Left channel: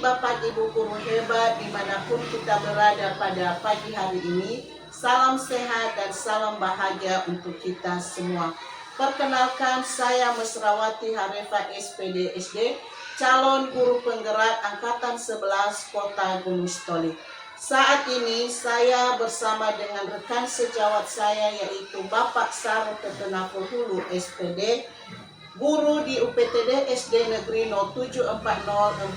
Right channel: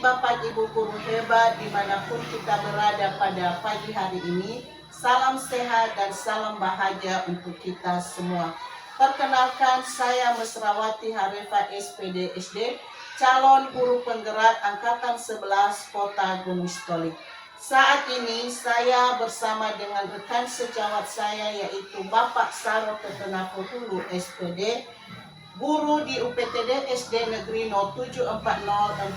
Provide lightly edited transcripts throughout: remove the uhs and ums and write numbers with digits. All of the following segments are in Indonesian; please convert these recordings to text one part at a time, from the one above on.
Bapak Ibu guru hebat dimanapun kita berada pada pagi hari ini. Salam sehat dan salam bahagia untuk kita semua. Perkenalkan, saya Mesrawati Harefa SPD SD, calon guru penggerak Angkatan 11 Kota Gunung Stolik. Saat ini saya bersama dengan rekan sejawat saya yaitu Bapak Saro Ketenapur Hulu SPD, guru di UPTD SD Negeri 074040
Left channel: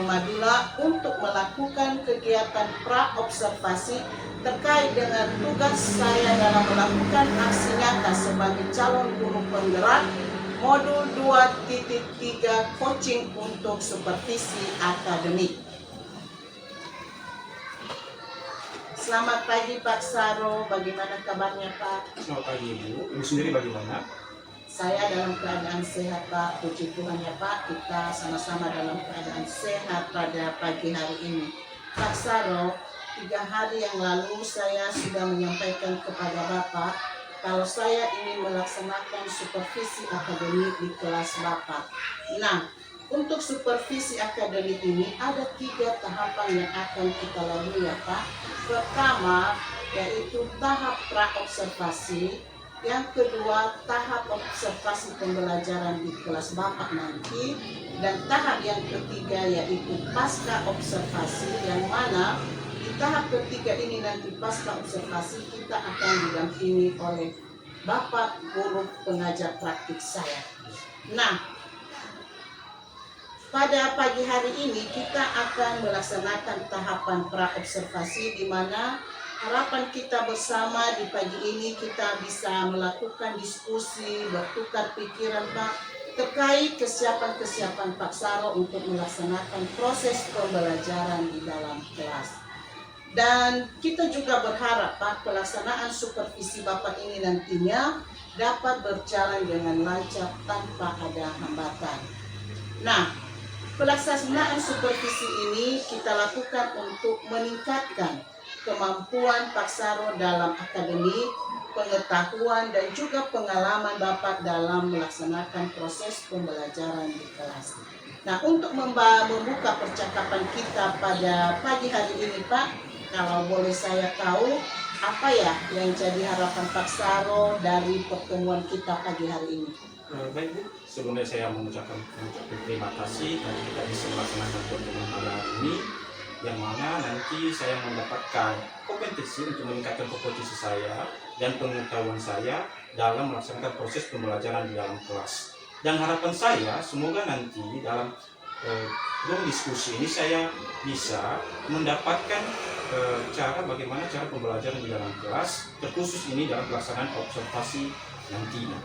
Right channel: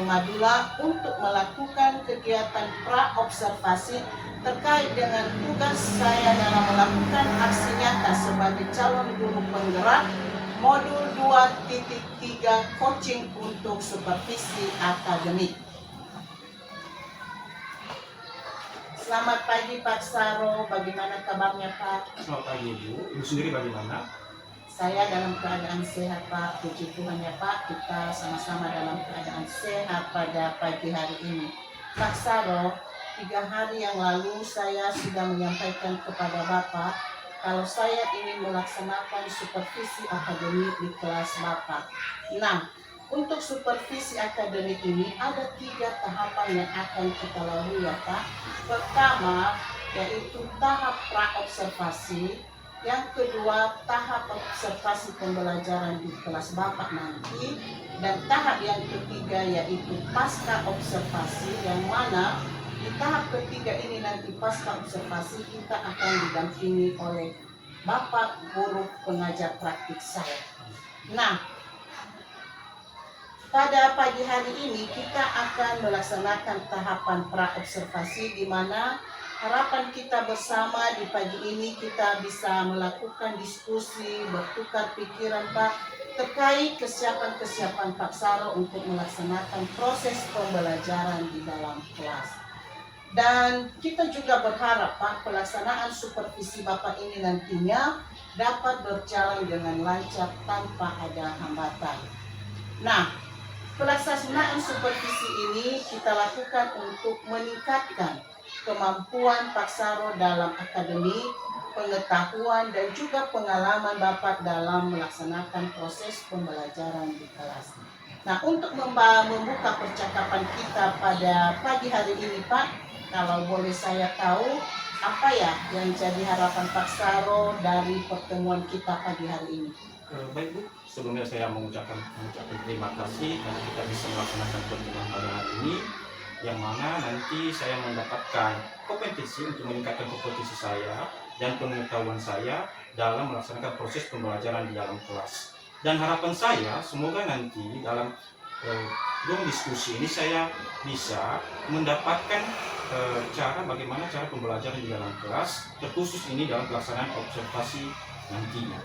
Madura untuk melakukan kegiatan pra-observasi terkait dengan tugas saya dalam melakukan aksi nyata sebagai calon guru penggerak modul 2.3 coaching untuk supervisi akademik. Selamat pagi Pak Saro, bagaimana kabarnya Pak? Selamat pagi Ibu, Ibu sendiri bagaimana? Saya dalam keadaan sehat Pak, puji Tuhan ya Pak, kita sama-sama dalam keadaan sehat pada pagi hari ini. Pak Saro, 3 hari yang lalu saya sudah menyampaikan kepada Bapak kalau saya ingin melaksanakan supervisi akademik di kelas Bapak. Nah, untuk supervisi akademik ini ada 3 tahapan yang akan kita lalui ya Pak. Pertama, yaitu tahap pra-observasi. Yang kedua, tahap observasi pembelajaran di kelas Bapak nanti. Dan tahap yang ketiga yaitu pasca observasi, yang mana di tahap ketiga ini nanti pasca observasi kita akan didampingi oleh Bapak guru pengajar praktik saya. Nah, pada pagi hari ini kita akan melaksanakan tahapan pra-observasi, di mana harapan kita bersama di pagi ini kita bisa melakukan diskusi, bertukar pikiran Pak, terkait kesiapan Pak Saro untuk melaksanakan proses pembelajaran di dalam kelas. Dan kita juga berharap Pak, pelaksanaan supervisi Bapak ini nantinya dapat berjalan dengan lancar tanpa ada hambatan. Nah, pelaksanaan supervisi ini kita lakukan untuk meningkatkan kemampuan Pak Saro dalam akademik, pengetahuan, dan juga pengalaman Bapak dalam melaksanakan proses pembelajaran di kelas. Nah, untuk membuka percakapan kita pada pagi hari ini Pak, kalau boleh saya tahu, apa ya yang jadi harapan Pak Saro dari pertemuan kita pagi hari ini? Baik Bu, sebelumnya saya mengucapkan terima kasih karena kita bisa melaksanakan pertemuan pada hari ini, yang mana nanti saya mendapatkan kompetensi untuk meningkatkan kompetensi saya dan pengetahuan saya dalam melaksanakan proses pembelajaran di dalam kelas. Dan harapan saya semoga nanti dalam room diskusi ini saya bisa mendapatkan bagaimana cara pembelajaran di dalam kelas, terkhusus ini dalam pelaksanaan observasi nantinya.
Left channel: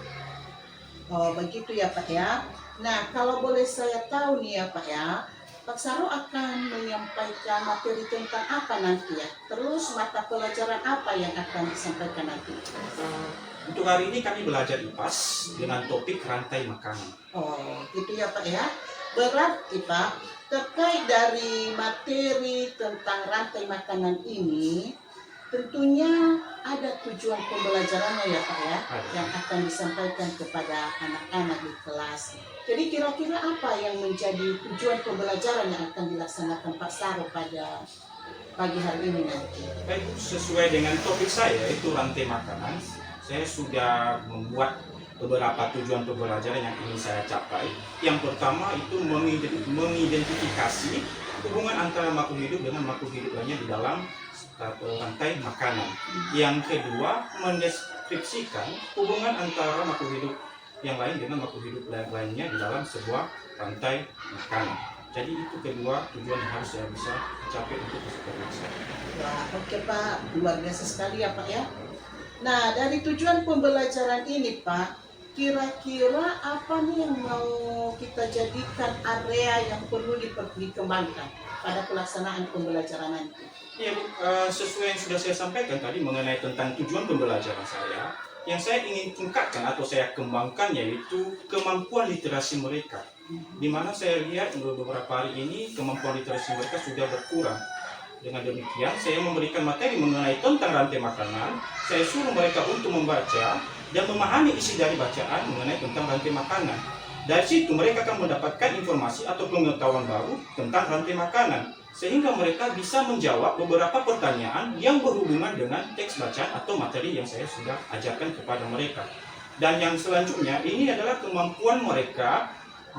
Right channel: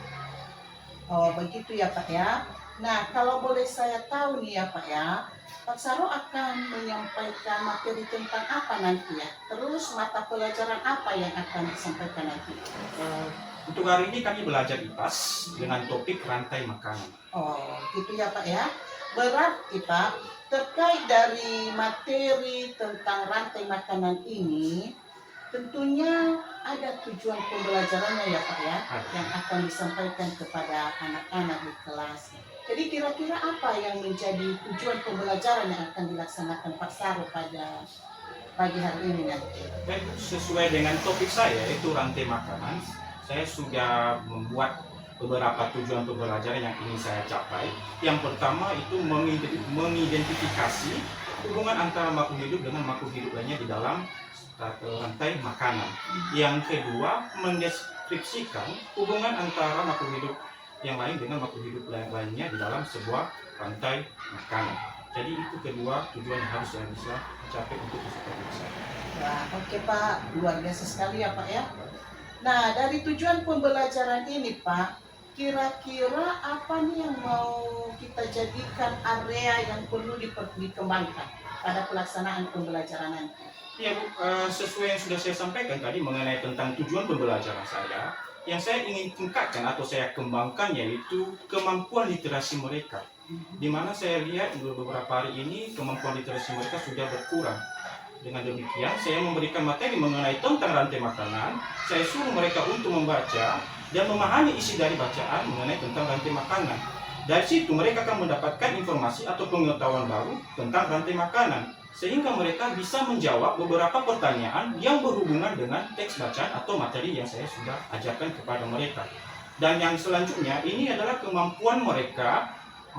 Oh begitu ya Pak ya. Nah, kalau boleh saya tahu nih ya Pak ya, Pak Saro akan menyampaikan materi tentang apa nanti ya? Terus mata pelajaran apa yang akan disampaikan nanti? Untuk hari ini kami belajar IPAS dengan topik rantai makanan. Oh gitu ya Pak ya. Berarti Pak, terkait dari materi tentang rantai makanan ini, tentunya ada tujuan pembelajarannya ya Pak ya, yang akan disampaikan kepada anak-anak di kelas. Jadi kira-kira apa yang menjadi tujuan pembelajaran yang akan dilaksanakan Pak Saro pada pagi hari ini nanti? Baik, sesuai dengan topik saya yaitu rantai makanan, saya sudah membuat beberapa tujuan pembelajaran yang ingin saya capai. Yang pertama itu mengidentifikasi hubungan antara makhluk hidup dengan makhluk hidup lainnya di dalam rantai makanan. Yang kedua, mendeskripsikan hubungan antara makhluk hidup yang lain dengan makhluk hidup lainnya di dalam sebuah rantai makanan. Jadi itu kedua tujuan yang harus saya bisa capai untuk supervisi saya. Wah, oke Pak, luar biasa sekali ya Pak ya. Nah, dari tujuan pembelajaran ini Pak, kira-kira apa nih yang mau kita jadikan area yang perlu dikembangkan pada pelaksanaan pembelajaran nanti? Ya Bu, sesuai yang sudah saya sampaikan tadi mengenai tentang tujuan pembelajaran saya, yang saya ingin tingkatkan atau saya kembangkan yaitu kemampuan literasi mereka. Di mana saya lihat beberapa hari ini kemampuan literasi mereka sudah berkurang. Dengan demikian, saya memberikan materi mengenai tentang rantai makanan. Saya suruh mereka untuk membaca dan memahami isi dari bacaan mengenai tentang rantai makanan. Dari situ mereka akan mendapatkan informasi atau pengetahuan baru tentang rantai makanan, sehingga mereka bisa menjawab beberapa pertanyaan yang berhubungan dengan teks bacaan atau materi yang saya sudah ajarkan kepada mereka. Dan yang selanjutnya ini adalah kemampuan mereka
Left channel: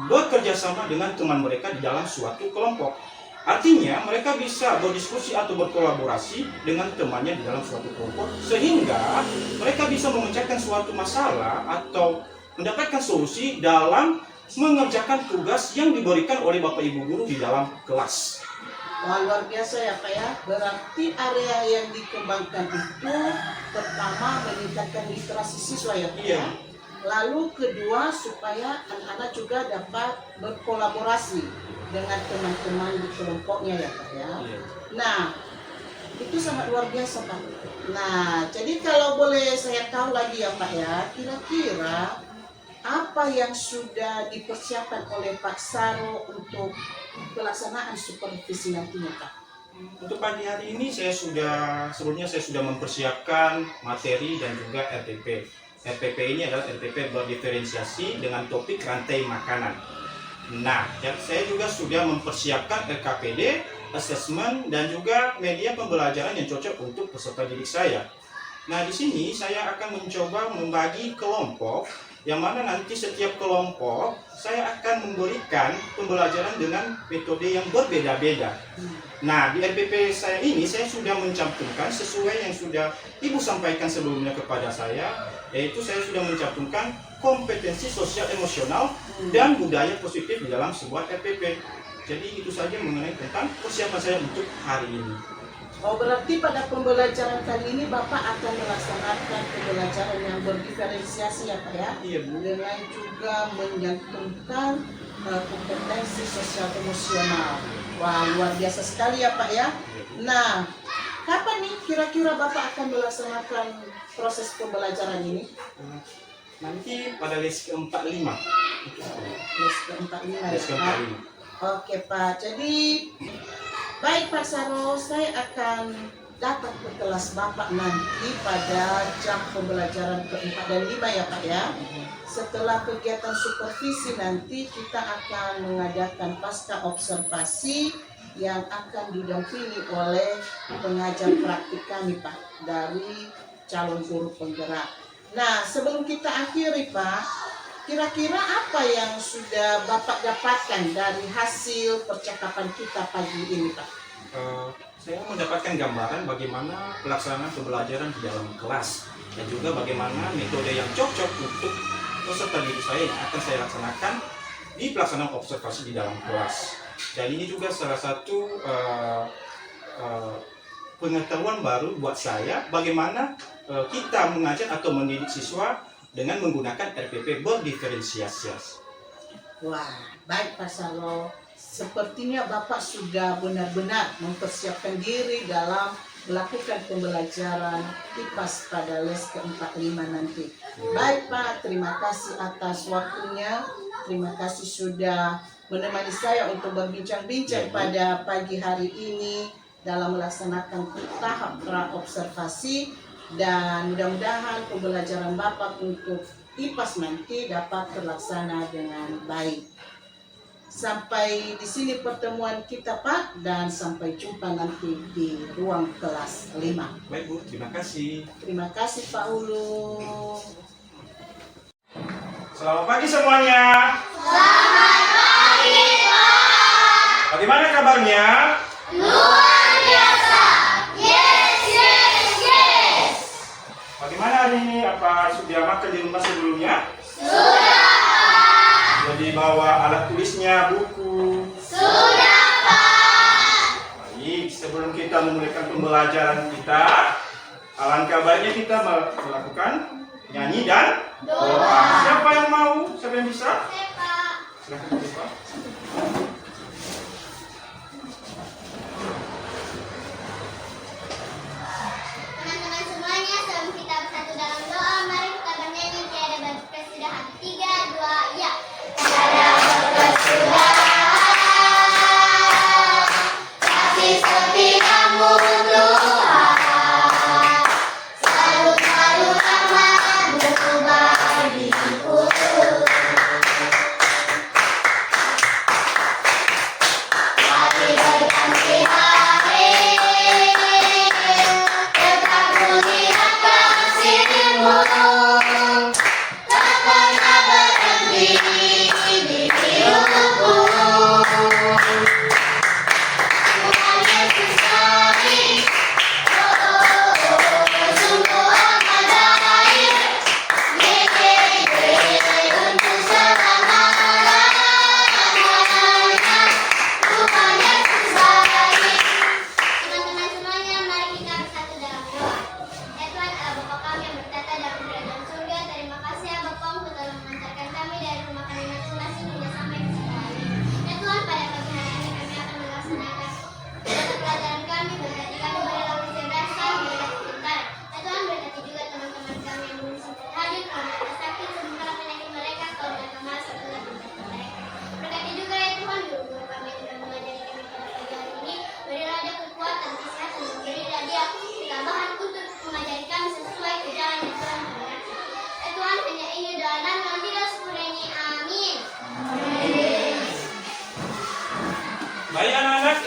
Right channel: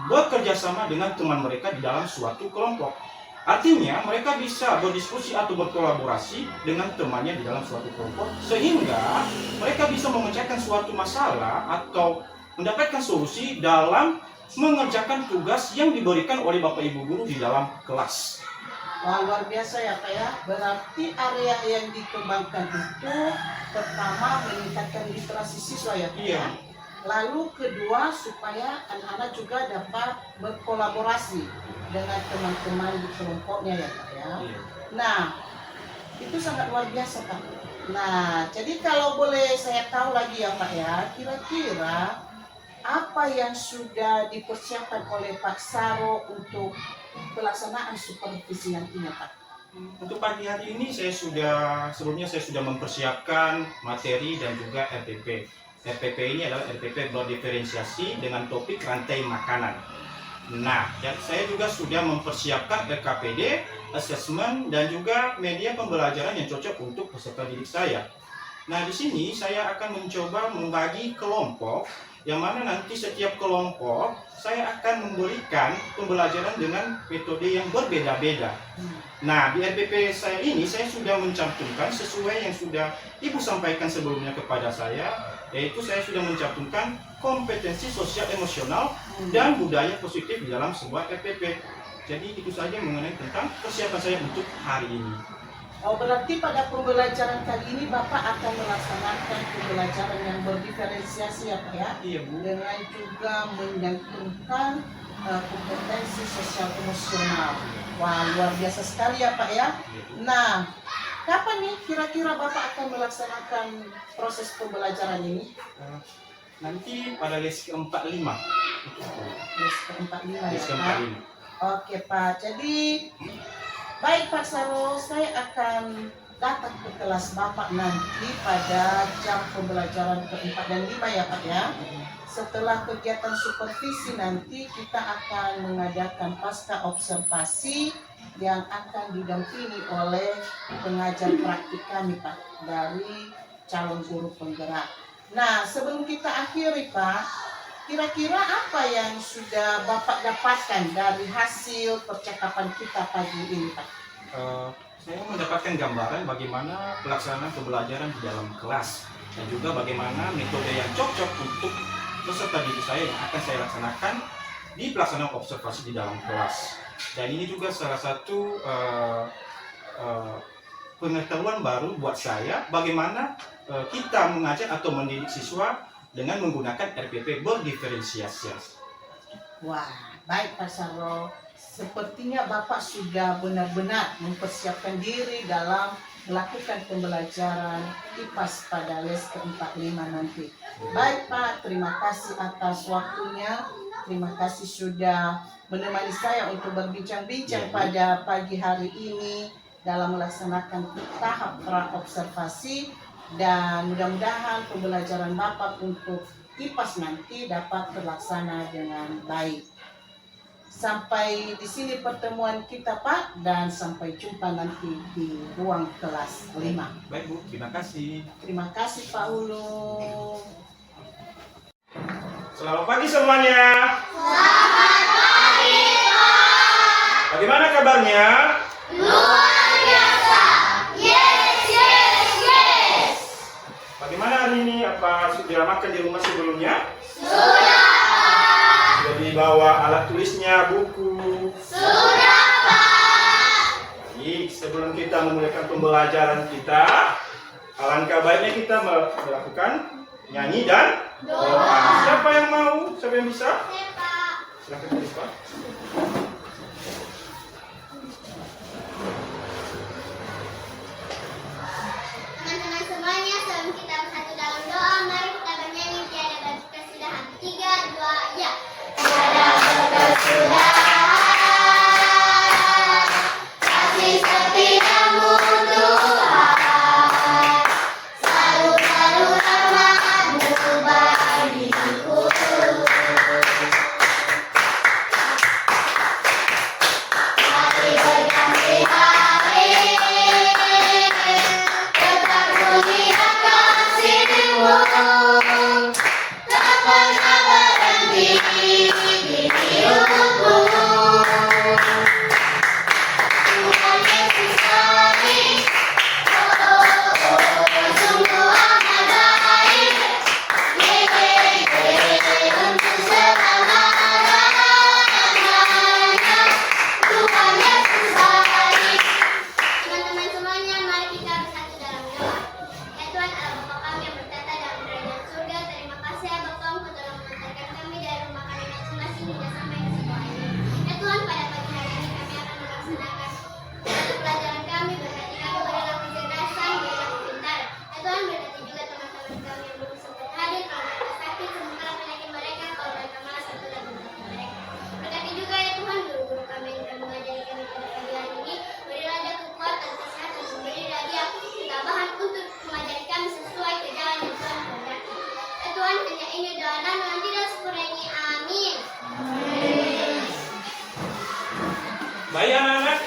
bekerja sama dengan teman mereka di dalam suatu kelompok. Artinya mereka bisa berdiskusi atau berkolaborasi dengan temannya di dalam suatu kelompok, sehingga mereka bisa memecahkan suatu masalah atau mendapatkan solusi dalam mengerjakan tugas yang diberikan oleh Bapak Ibu guru di dalam kelas. Wah, luar biasa ya Pak ya. Berarti area yang dikembangkan itu pertama meningkatkan literasi siswa ya Pak ya. Lalu kedua supaya anak-anak juga dapat berkolaborasi dengan teman-teman di kelompoknya ya Pak ya. Nah, itu sangat luar biasa Pak. Nah, jadi kalau boleh saya tahu lagi ya Pak ya, kira-kira apa yang sudah dipersiapkan oleh Pak Saro untuk pelaksanaan supervisi nantinya Pak? Untuk pagi hari ini sebelumnya saya sudah mempersiapkan materi dan juga RPP. RPP ini adalah RPP berdiferensiasi dengan topik rantai makanan. Nah, saya juga sudah mempersiapkan RKPD, assessment, dan juga media pembelajaran yang cocok untuk peserta didik saya. Nah, di sini saya akan mencoba membagi kelompok, yang mana nanti setiap kelompok saya akan memberikan pembelajaran dengan metode yang berbeda-beda. Nah, di RPP saya ini saya sudah mencantumkan sesuai yang sudah Ibu sampaikan sebelumnya kepada saya, yaitu saya sudah mencantumkan kompetensi sosial emosional dan budaya positif di dalam sebuah RPP. Jadi itu saja mengenai tentang persiapan saya untuk hari ini. Oh, berarti pada pembelajaran kali ini Bapak akan melaksanakan pembelajaran yang berdiferensiasi ya Pak ya? Iya Bu. Dengan juga menyantumkan kompetensi sosial emosional. Wah, luar biasa sekali ya Pak ya. Nah, kapan nih kira-kira Bapak akan melaksanakan proses pembelajaran ini? Nanti pada les ke-45. Les ke-45 ya Les Pak? ke-45. Oke Pak, jadi baik Pak Saro, saya akan datang ke kelas Bapak nanti pada jam pembelajaran ke-4 dan 5 ya Pak ya. Setelah kegiatan supervisi nanti kita akan mengadakan pasca observasi yang akan didampingi oleh pengajar praktik kami Pak dari calon guru penggerak. Nah, sebelum kita akhiri Pak, kira-kira apa yang sudah Bapak dapatkan dari hasil percakapan kita pagi ini Pak? Saya mendapatkan gambaran bagaimana pelaksanaan pembelajaran di dalam kelas dan juga bagaimana metode yang cocok untuk peserta didik saya yang akan saya laksanakan di pelaksanaan observasi di dalam kelas. Dan ini juga salah satu pengetahuan baru buat saya bagaimana kita mengajar atau mendidik siswa dengan menggunakan RPP berdiferensiasi. Wah, baik Pak Saro. Sepertinya Bapak sudah benar-benar mempersiapkan diri dalam melakukan pembelajaran IPAS pada les ke-45 nanti. Baik Pak, terima kasih atas waktunya. Terima kasih sudah menemani saya untuk berbincang-bincang pada pagi hari ini dalam melaksanakan tahap pra-observasi. Dan mudah-mudahan pembelajaran Bapak untuk IPAS nanti dapat terlaksana dengan baik. Sampai di sini pertemuan kita Pak, dan sampai jumpa nanti di ruang kelas 5. Baik Bu, terima kasih. Terima kasih Pak Ulu. Selamat pagi semuanya. Selamat pagi, Pak. Bagaimana kabarnya? Luar biasa. Yes, yes, yes. Bagaimana hari ini? Apa sudah makan di rumah sebelumnya? Sudah. Sudah dibawa alat tulisnya, buku? Sudah, Pak. Baik, sebelum kita memulai pembelajaran kita, alangkah baiknya kita melakukan nyanyi dan doa. Siapa yang mau? Siapa yang bisa? Saya, Pak. Silakan Pak. Teman-teman semuanya, sebelum kita bersatu dalam doa, mari kita bernyanyi tiada batas sudah hati 3, 2, ya. Tiada batas sudah, kasih setiamu Tuhan, selalu rahmat-Mu bagiku. Baik anak-anak,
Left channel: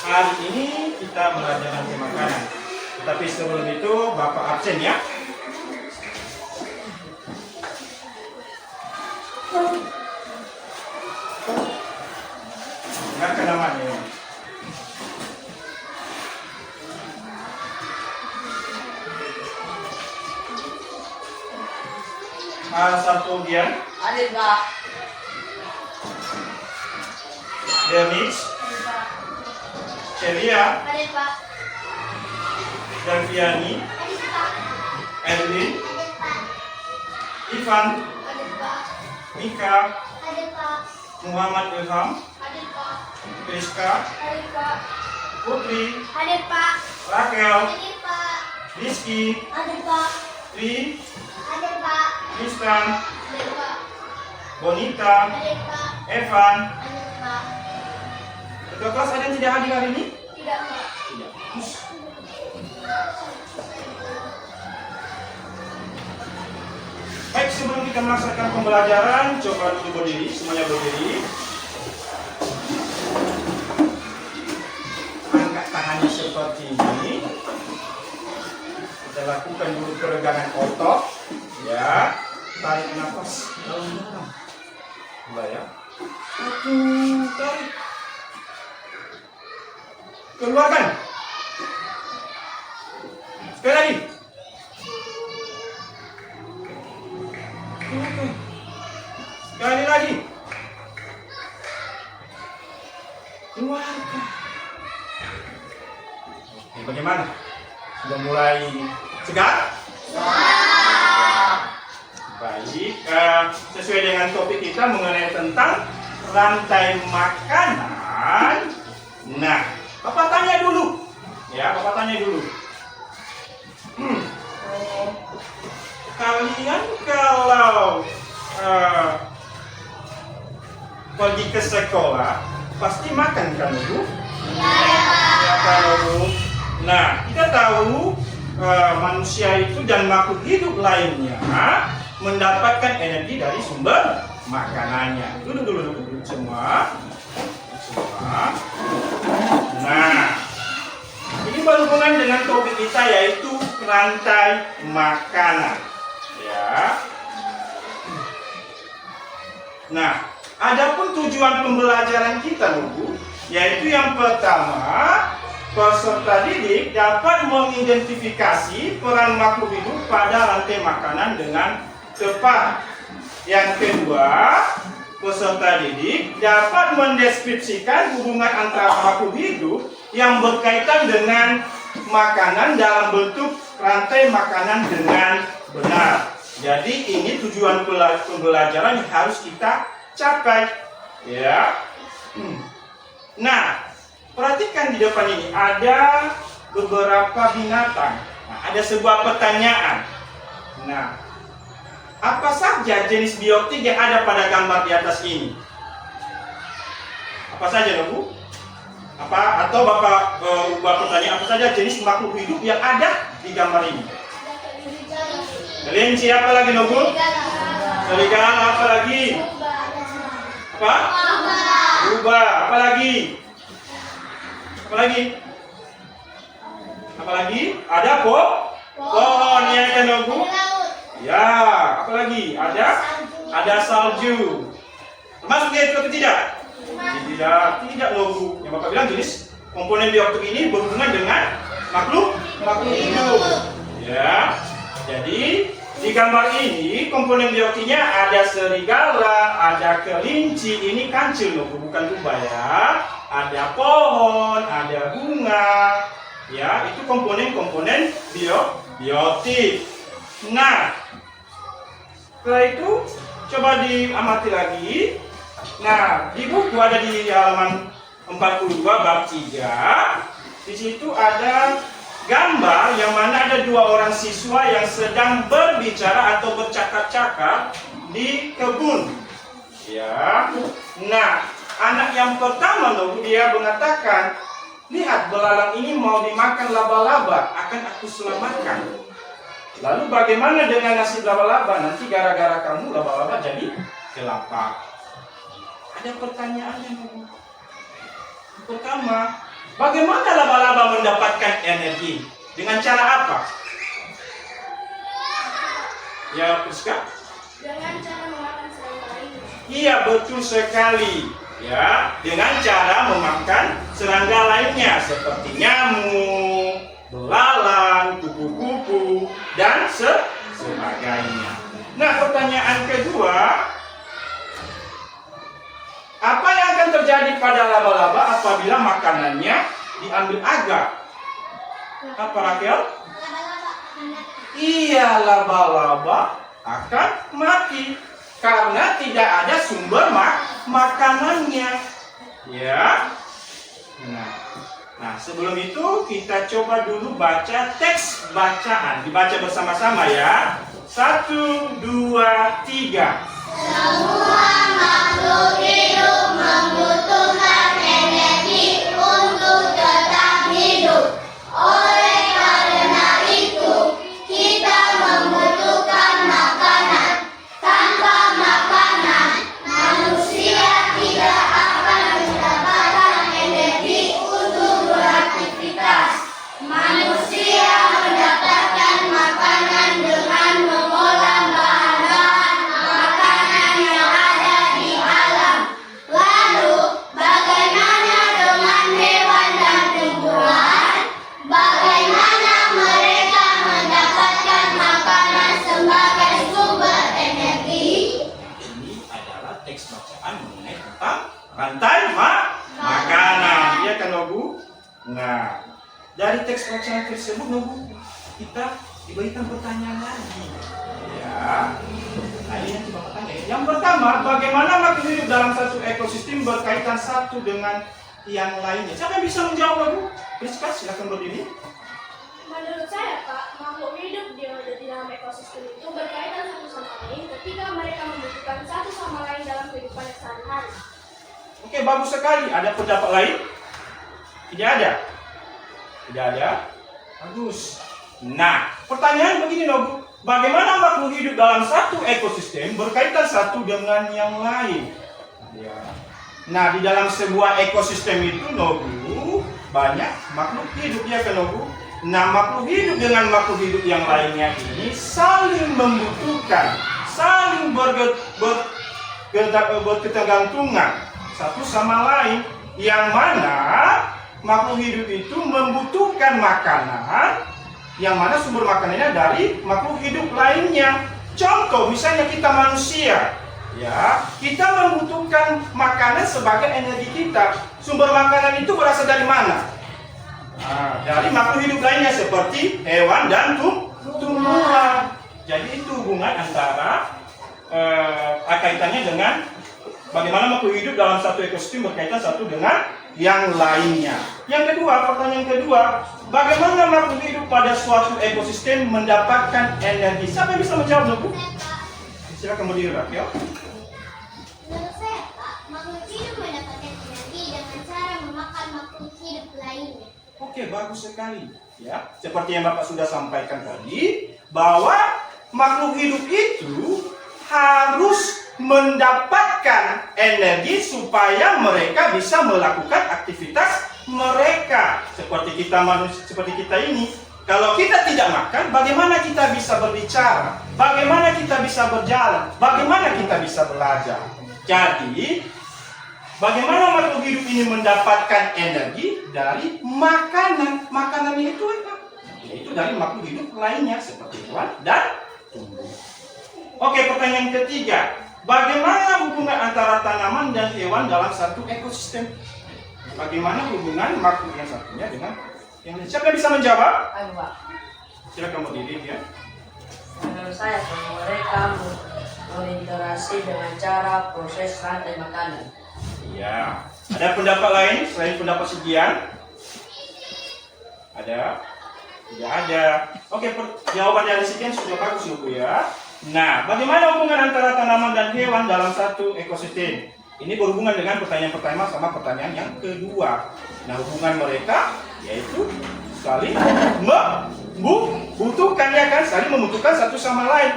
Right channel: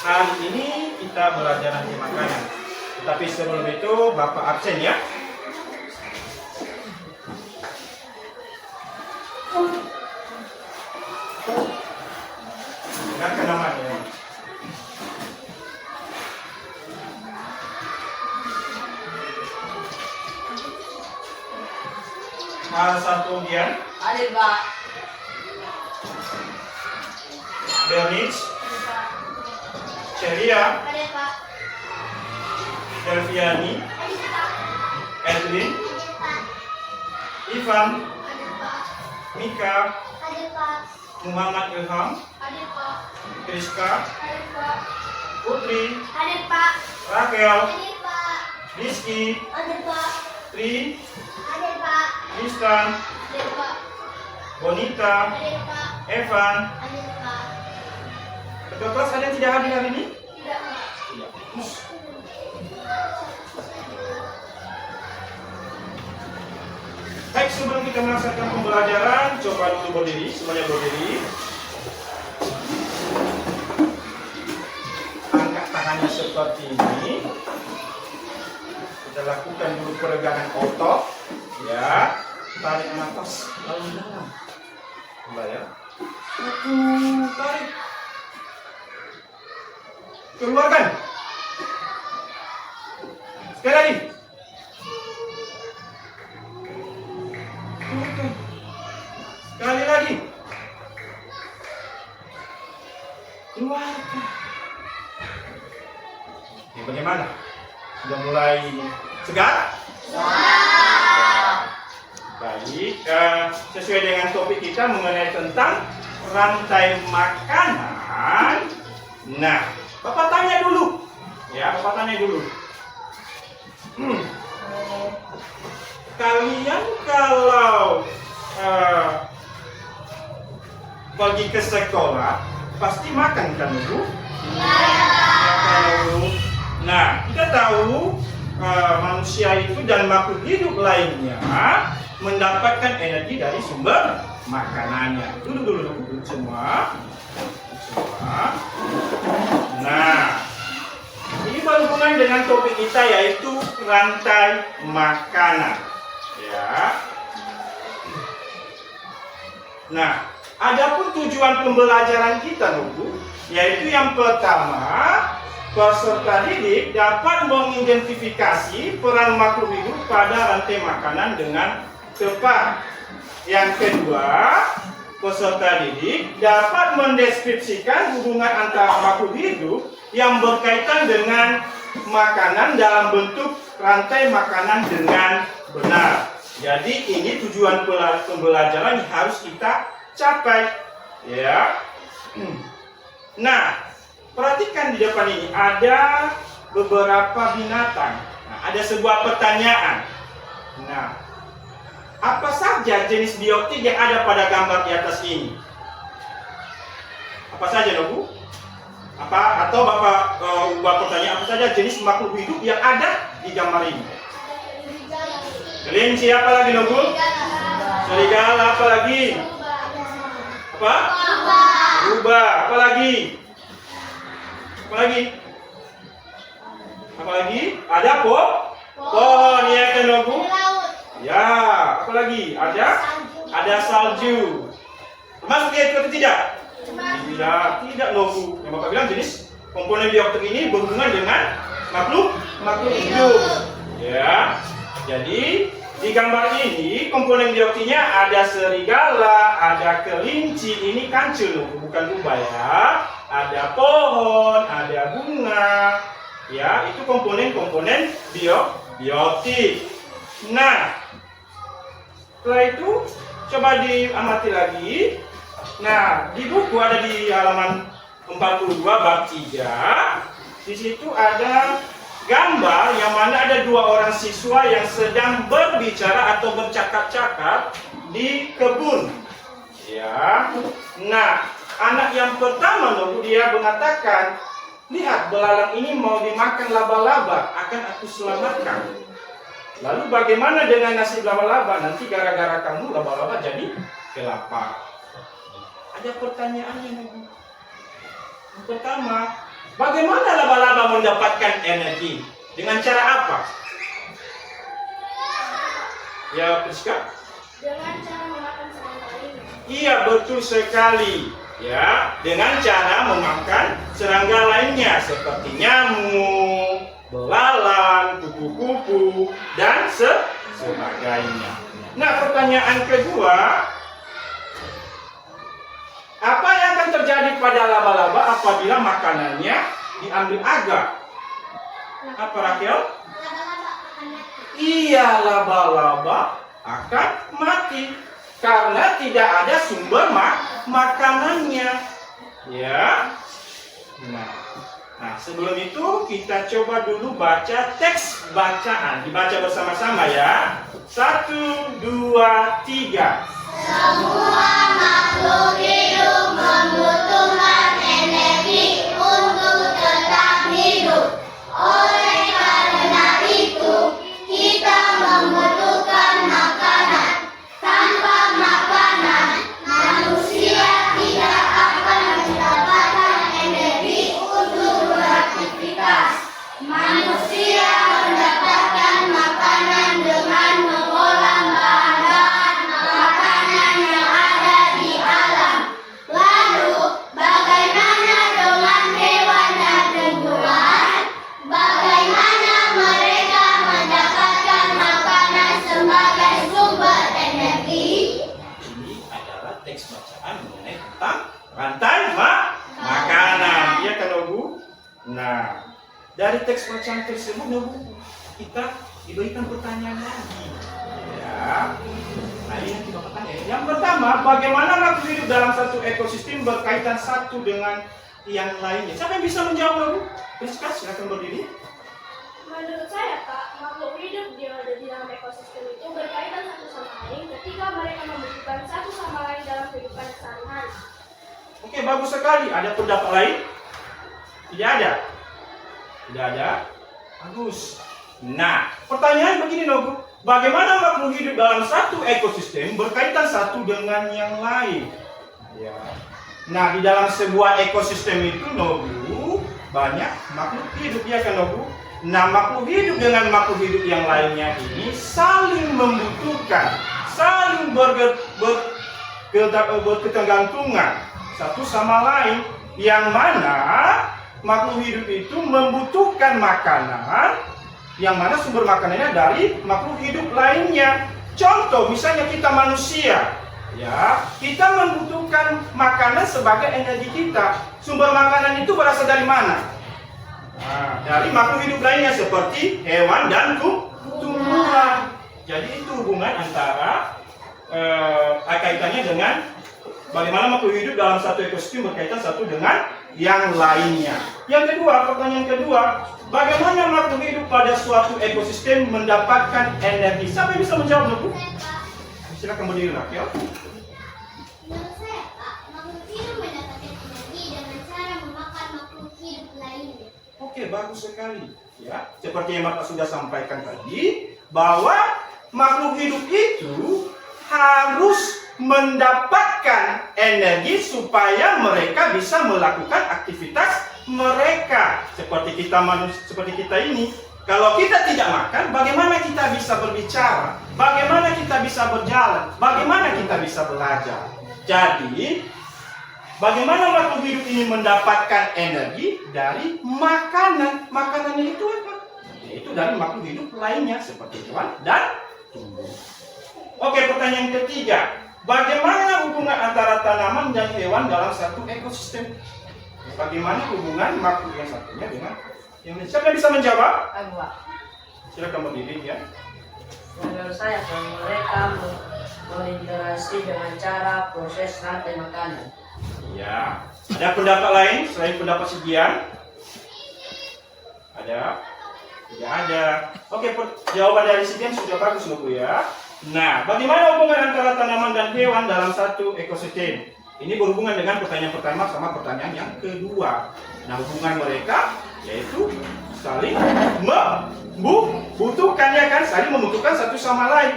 hari ini kita belajar rantai makanan. Tetapi sebelum itu Bapak absen ya. Dengarkan namanya. Satu Dian, Hadir Pak. Bernice, Celia, Ada Pak. Delviani, Ada Pak. Edwin, Ada Pak. Ivan, Ada Pak. Mika, Ada Pak. Muhammad Ilham, Ada Pak. Rizka, Ada Pak. Putri, Ada Pak. Raquel, Ada Pak. Rizky, Ada Pak. Tri, Ada Pak. Tristan, Ada Pak. Bonita, Ada Pak. Evan. Ada Pak. Ketua kelas ada yang tidak hadir hari ini? Tidak Pak. Tidak. Baik, sebelum kita melaksanakan pembelajaran, coba dulu berdiri, semuanya berdiri. Angkat tangannya seperti ini. Kita lakukan dulu peregangan otot, ya. Tarik nafas dalam-dalam. Coba ya. Satu, tarik. Keluarkan. Sekali lagi. Keluarkan. Sekali lagi. Keluarkan. Oke, bagaimana? Sudah mulai segar? Baik, sesuai dengan topik kita mengenai tentang rantai makanan. Nah, Bapak tanya dulu. Ya, Bapak tanya dulu. Kalian kalau pergi ke sekolah pasti makan kan, Bu? Ya, tahu. Nah, kita tahu manusia itu dan makhluk hidup lainnya mendapatkan energi dari sumber makanannya. Dulu semua. Nah, ini berhubungan dengan topik kita yaitu rantai makanan. Ya. Nah, adapun tujuan pembelajaran kita, Bu, yaitu yang pertama, peserta didik dapat mengidentifikasi peran makhluk hidup pada rantai makanan dengan tepat. Yang kedua, peserta didik dapat mendeskripsikan hubungan antara makhluk hidup yang berkaitan dengan makanan dalam bentuk rantai makanan dengan benar. Jadi ini tujuan pembelajaran yang harus kita capai, ya. Nah, perhatikan di depan ini ada beberapa binatang. Nah, ada sebuah pertanyaan. Nah, apa saja jenis biotik yang ada pada gambar di atas ini? Apa saja, Bu? Apa? Atau Bapak ubah pertanyaan, apa saja jenis makhluk hidup yang ada di gambar ini? Kelinci, apa lagi, Bu? Serigala, apa lagi? Apa? Rubah, apa lagi? Apa lagi? Apa lagi? Ada pohon, ya kan, Bu? Ya, apa lagi? Ada salju. Termasuk ya itu atau tidak? Tidak loh, Bu. Yang Bapak bilang jenis komponen biotik ini berhubungan dengan makhluk hidup. Ya. Jadi di gambar ini komponen biotiknya ada serigala, ada kelinci, ini kancil loh, bukan rubah ya. Ada pohon, ada bunga. Ya, itu komponen-komponen biotik. Nah, setelah itu coba diamati lagi. Nah, di buku ada di halaman 42 bab 3. Di situ ada gambar yang mana ada dua orang siswa yang sedang berbicara atau bercakap-cakap di kebun. Ya. Nah, anak yang pertama lalu dia mengatakan, "Lihat, belalang ini mau dimakan laba-laba, akan aku selamatkan." Lalu bagaimana dengan nasib laba-laba? Nanti gara-gara kamu laba-laba jadi kelapa. Ada pertanyaannya, Bu. Pertama, bagaimana laba-laba mendapatkan energi? Dengan cara apa? Ya, Priska? Dengan cara memakan serangga lainnya. Iya, betul sekali. Ya, dengan cara memakan serangga lainnya seperti nyamuk, belalang, kupu-kupu, dan sebagainya. Nah, pertanyaan kedua, apa yang akan terjadi pada laba-laba apabila makanannya diambil agar? Apa, Rakel? Laba-laba akan mati. Iya, laba-laba akan mati karena tidak ada sumber makanannya. Ya. Nah, sebelum itu kita coba dulu baca teks bacaan. Dibaca bersama-sama ya. 1, 2, 3. Semua makhluk hidup membutuhkan energi untuk tetap hidup. Oleh karena itu, kita membutuhkan makanan. Tanpa makanan, manusia tidak akan mendapatkan energi untuk beraktivitas. Manusia mendapatkan makanan dengan mengolah bahan-bahan makanan yang ada di alam. Lalu, bagaimana dengan hewan dan tumbuhan? Bagaimana mereka mendapatkan makanan sebagai sumber energi? Ini adalah teks bacaan mengenai tentang rantai makanan. Iya kan, Nobu? Nah, dari teks bacaan tersebut, Nobu, kita diberikan pertanyaan lagi. Ya. Nah, ini yang kita tanya. Yang pertama, bagaimana makhluk hidup dalam satu ekosistem berkaitan satu dengan yang lainnya? Siapa yang bisa menjawab, Nobu? Priska, silakan berdiri. Menurut saya, Pak, makhluk hidup di dalam ekosistem itu berkaitan satu sama lain ketika mereka membutuhkan satu sama lain dalam kehidupan sehari-hari. Oke, bagus sekali. Ada pendapat lain? Tidak ada? Tidak ada? Bagus. Nah, pertanyaan begini, Nobu. Bagaimana makhluk hidup dalam satu ekosistem berkaitan satu dengan yang lain? Ya. Nah, di dalam sebuah ekosistem itu, Nobu, banyak makhluk hidup, ya kan, Nobu? Nah, makhluk hidup dengan makhluk hidup yang lainnya ini saling membutuhkan, saling berketergantungan satu sama lain, yang mana makhluk hidup itu membutuhkan makanan, yang mana sumber makanannya dari makhluk hidup lainnya. Contoh, misalnya kita manusia, ya, kita membutuhkan makanan sebagai energi kita. Sumber makanan itu berasal dari mana? Nah, dari makhluk hidup lainnya seperti hewan dan tumbuhan. Jadi itu hubungan antara kaitannya dengan bagaimana makhluk hidup dalam satu ekosistem berkaitan satu dengan yang lainnya. Yang kedua, pertanyaan kedua, bagaimana makhluk hidup pada suatu ekosistem mendapatkan energi? Siapa yang bisa menjawab, Bu? Silakan berdiri, Rakel. Menurut saya, Pak, makhluk hidup mendapatkan energi dengan cara memakan makhluk hidup lainnya. Oke, bagus sekali. Ya, seperti yang Bapak sudah sampaikan tadi, bahwa makhluk hidup itu harus mendapatkan energi supaya mereka bisa melakukan aktivitas mereka. Seperti kita manusia, seperti kita ini. Kalau kita tidak makan, bagaimana kita bisa berbicara? Bagaimana kita bisa berjalan? Bagaimana kita bisa belajar? Jadi, bagaimana makhluk hidup ini mendapatkan energi dari makanan? Makanan itu apa? Yaitu dari makhluk hidup lainnya seperti hewan dan tumbuh. Oke, pertanyaan ketiga. Bagaimana hubungan antara tanaman dan hewan dalam satu ekosistem? Bagaimana hubungan makhluk yang satunya dengan yang lain? Siapa yang bisa menjawab? Ayo, Pak. Silakan berdiri ya. Menurut saya, mereka berinteraksi dengan cara proses rantai makanan. Iya. Ada pendapat lain selain pendapat sekian? Ada? Tidak ada. Oke, jawaban dari sekian sudah bagus, Bu ya. Nah, bagaimana hubungan antara tanaman dan hewan dalam satu ekosistem? Ini berhubungan dengan pertanyaan pertama sama pertanyaan yang kedua. Nah, hubungan mereka yaitu saling membutuhkan, ya kan? Saling membutuhkan satu sama lain.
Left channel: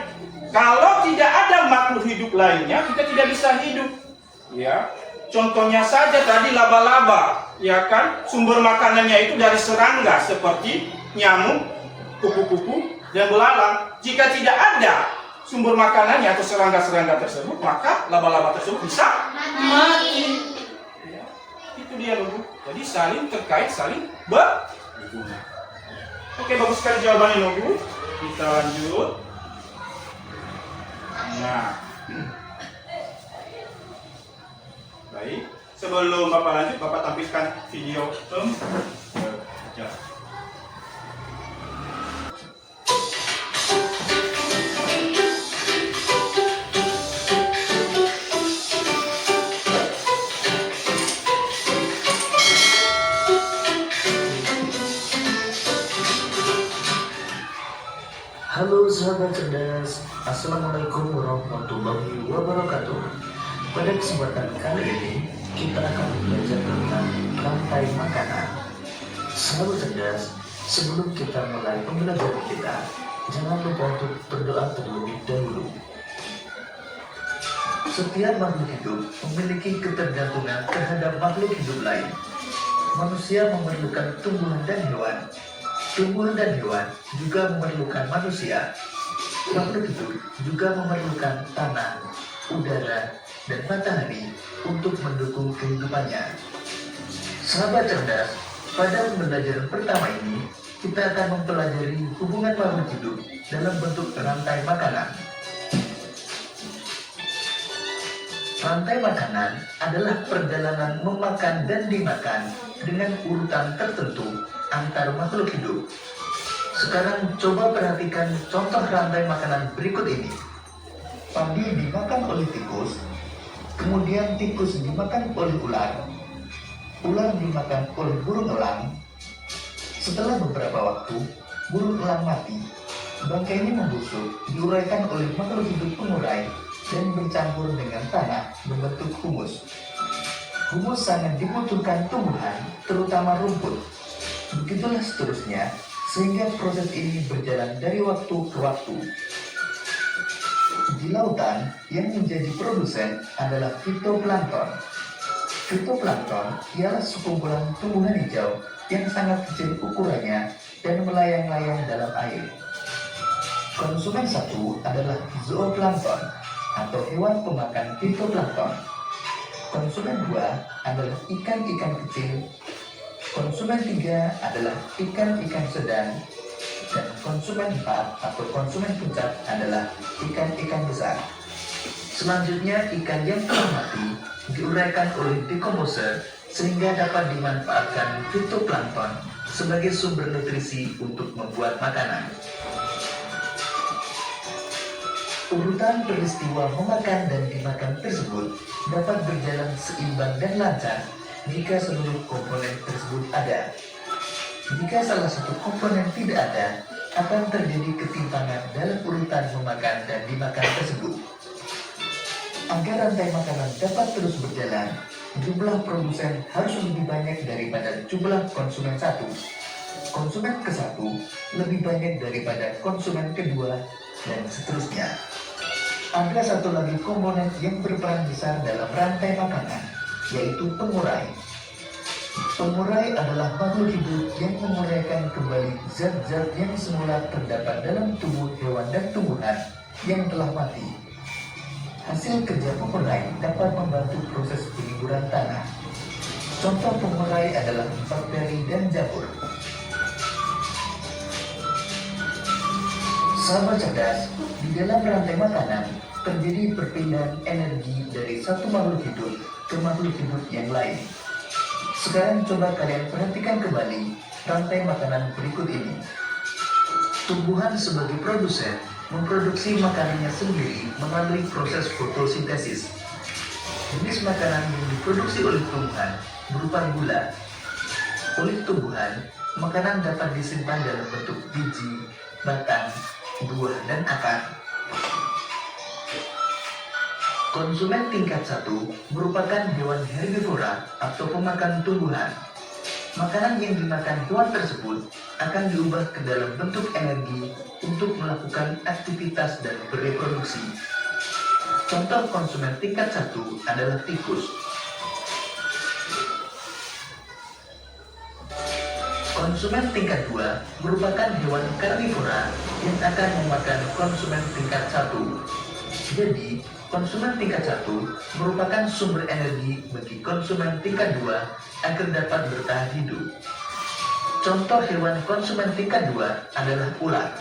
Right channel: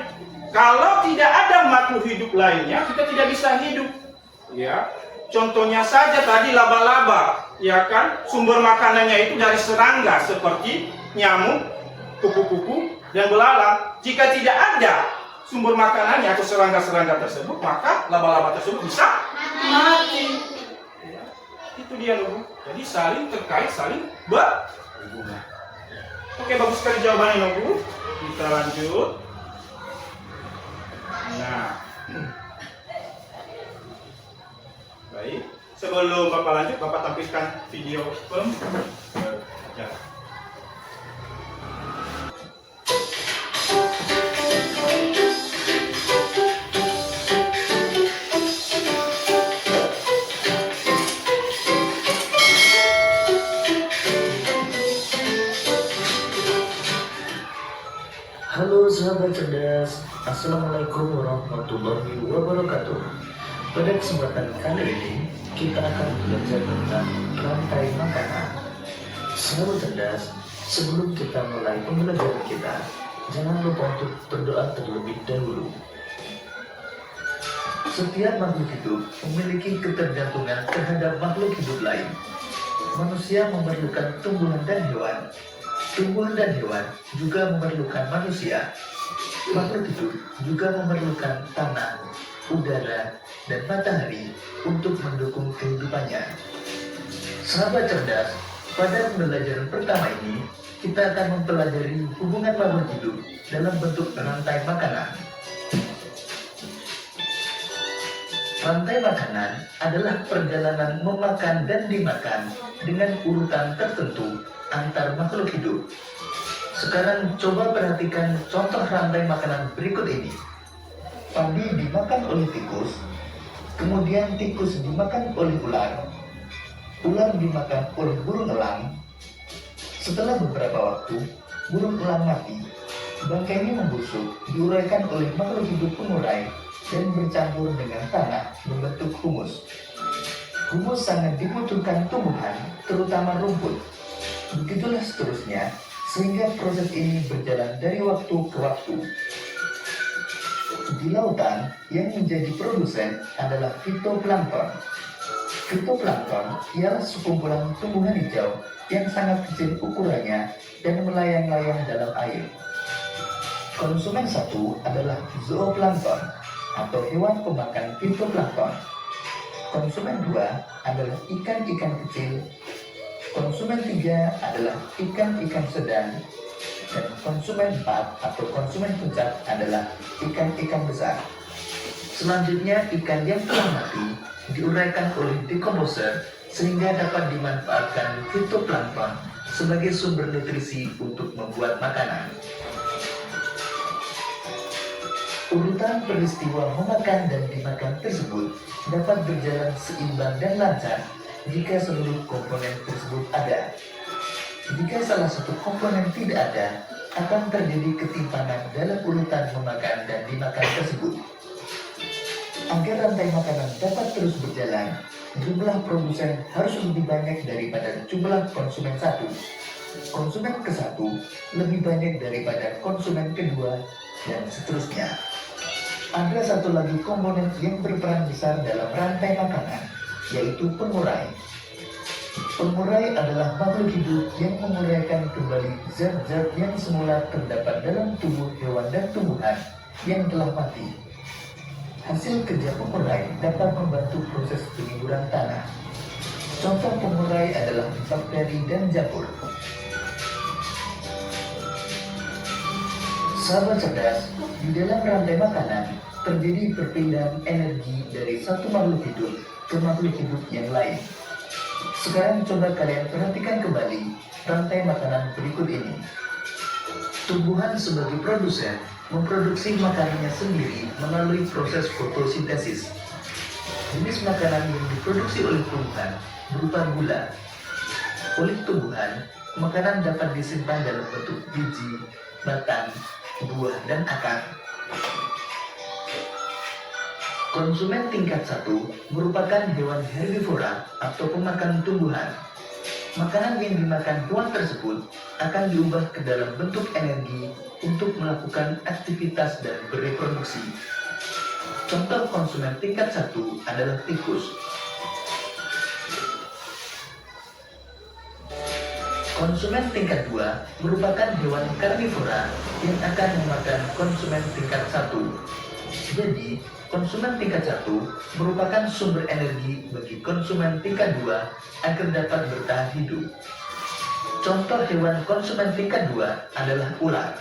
Kalau tidak ada makhluk hidup lainnya, kita tidak bisa hidup. Ya. Contohnya saja tadi laba-laba, ya kan? Sumber makanannya itu dari serangga seperti nyamuk, kupu-kupu, dan belalang. Jika tidak ada sumber makanannya atau serangga-serangga tersebut, maka laba-laba tersebut bisa Mati. ya, itu dia dulu. Jadi saling terkait, saling berhubungan. Oke, bagus sekali jawabannya Nobu. Kita lanjut. Nah, baik. Sebelum Bapak lanjut, Bapak tampilkan video pembelajaran. Halo sahabat cerdas, Assalamualaikum warahmatullahi wabarakatuh. Pada kesempatan kali ini, kita akan belajar tentang rantai makanan. Sahabat cerdas, sebelum kita mulai pembelajaran kita, jangan lupa untuk berdoa terlebih dahulu. Setiap makhluk hidup memiliki ketergantungan terhadap makhluk hidup lain. Manusia memerlukan tumbuhan dan hewan. Tumbuhan dan hewan juga memerlukan manusia. Makhluk hidup juga memerlukan tanah, udara, dan matahari untuk mendukung kehidupannya. Sahabat cerdas, pada pembelajaran pertama ini, kita akan mempelajari hubungan makhluk hidup dalam bentuk rantai makanan. Rantai makanan adalah perjalanan memakan dan dimakan dengan urutan tertentu antar makhluk hidup. Sekarang coba perhatikan contoh rantai makanan berikut ini. Padi dimakan oleh tikus, kemudian tikus dimakan oleh ular, ular dimakan oleh burung elang. Setelah beberapa waktu, burung elang mati. Bangkainya membusuk, diuraikan oleh makhluk hidup pengurai dan bercampur dengan tanah membentuk humus. Humus sangat dibutuhkan tumbuhan, terutama rumput. Begitulah seterusnya, sehingga proses ini berjalan dari waktu ke waktu. Di lautan, yang menjadi produsen adalah fitoplankton. Fitoplankton ialah sekumpulan tumbuhan hijau yang sangat kecil ukurannya dan melayang-layang dalam air. Konsumen satu adalah zooplankton atau hewan pemakan fitoplankton. Konsumen dua adalah ikan-ikan kecil. Konsumen 3 adalah ikan-ikan sedang, dan konsumen 4 atau konsumen puncak adalah ikan-ikan besar. Selanjutnya, ikan yang telah mati diuraikan oleh dekomposer sehingga dapat dimanfaatkan fitoplankton sebagai sumber nutrisi untuk membuat makanan. Urutan peristiwa memakan dan dimakan tersebut dapat berjalan seimbang dan lancar jika seluruh komponen tersebut ada. Jika salah satu komponen tidak ada, akan terjadi ketimpangan dalam urutan memakan dan dimakan tersebut. Agar rantai makanan dapat terus berjalan, jumlah produsen harus lebih banyak daripada jumlah konsumen satu. Konsumen ke satu lebih banyak daripada konsumen kedua, dan seterusnya. Ada satu lagi komponen yang berperan besar dalam rantai makanan, yaitu pengurai. Pengurai adalah makhluk hidup yang menguraikan kembali zat-zat yang semula terdapat dalam tubuh hewan dan tumbuhan yang telah mati. Hasil kerja pengurai dapat membantu proses penyuburan tanah. Contoh pengurai adalah bakteri dan jamur. Sahabat cerdas, di dalam rantai makanan terjadi perpindahan energi dari satu makhluk hidup ke makhluk hidup yang lain. Sekarang coba kalian perhatikan kembali rantai makanan berikut ini. Tumbuhan sebagai produsen memproduksi makanannya sendiri melalui proses fotosintesis. Jenis makanan yang diproduksi oleh tumbuhan berupa gula. Oleh tumbuhan, makanan dapat disimpan dalam bentuk biji, batang, buah, dan akar. Konsumen tingkat 1 merupakan hewan herbivora atau pemakan tumbuhan. Makanan yang dimakan hewan tersebut akan diubah ke dalam bentuk energi untuk melakukan aktivitas dan bereproduksi. Contoh konsumen tingkat 1 adalah tikus. Konsumen tingkat 2 merupakan hewan karnivora yang akan memakan konsumen tingkat 1. Jadi, konsumen tingkat 1 merupakan sumber energi bagi konsumen tingkat 2 agar dapat bertahan hidup. Contoh hewan konsumen tingkat 2 adalah ular.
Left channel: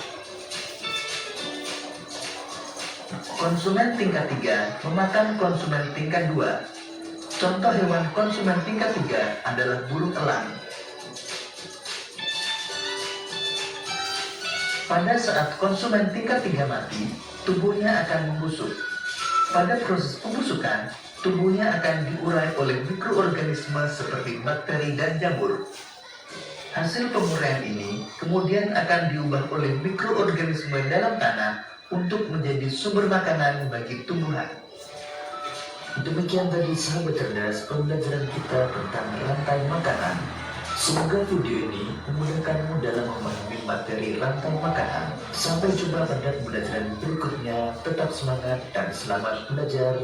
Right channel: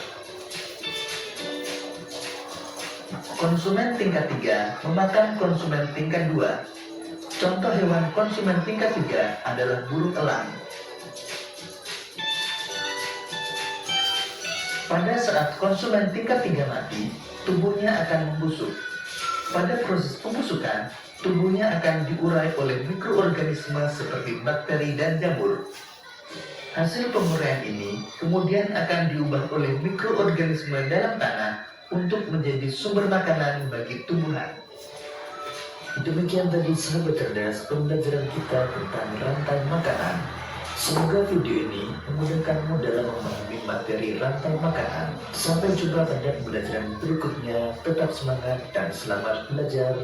Konsumen tingkat 3 memakan konsumen tingkat 2. Contoh hewan konsumen tingkat 3 adalah burung elang. Pada saat konsumen tingkat 3 mati, tubuhnya akan membusuk. Pada proses pembusukan, tubuhnya akan diurai oleh mikroorganisme seperti bakteri dan jamur. Hasil penguraian ini kemudian akan diubah oleh mikroorganisme dalam tanah untuk menjadi sumber makanan bagi tumbuhan. Demikian tadi sahabat cerdas pembelajaran kita tentang rantai makanan. Semoga video ini memudahkanmu dalam memahami materi rantai makanan. Sampai jumpa pada pembelajaran berikutnya. Tetap semangat dan selamat belajar.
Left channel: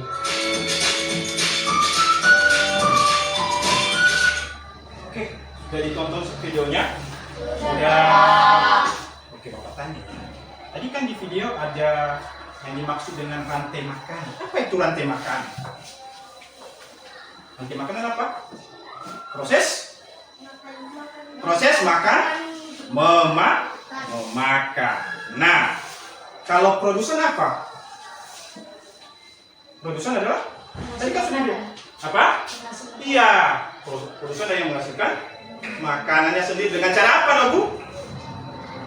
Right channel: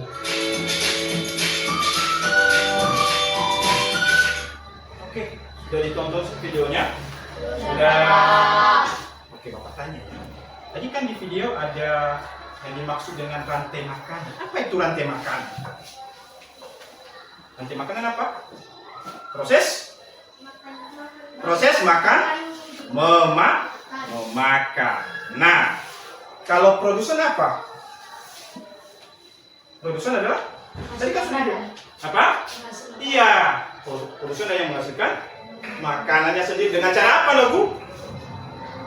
Oke, sudah ditonton videonya? Sudah. Oke, Bapak tanya. Tadi kan di video ada yang dimaksud dengan rantai makanan. Apa itu rantai makanan? Rantai makanan apa? Proses makan, memakan. Nah, kalau produsen apa? Produsen adalah? Tadi kan sudah bilang. Apa? Iya, produsen ada yang menghasilkan makanannya sendiri. Dengan cara apa, loh, Bu?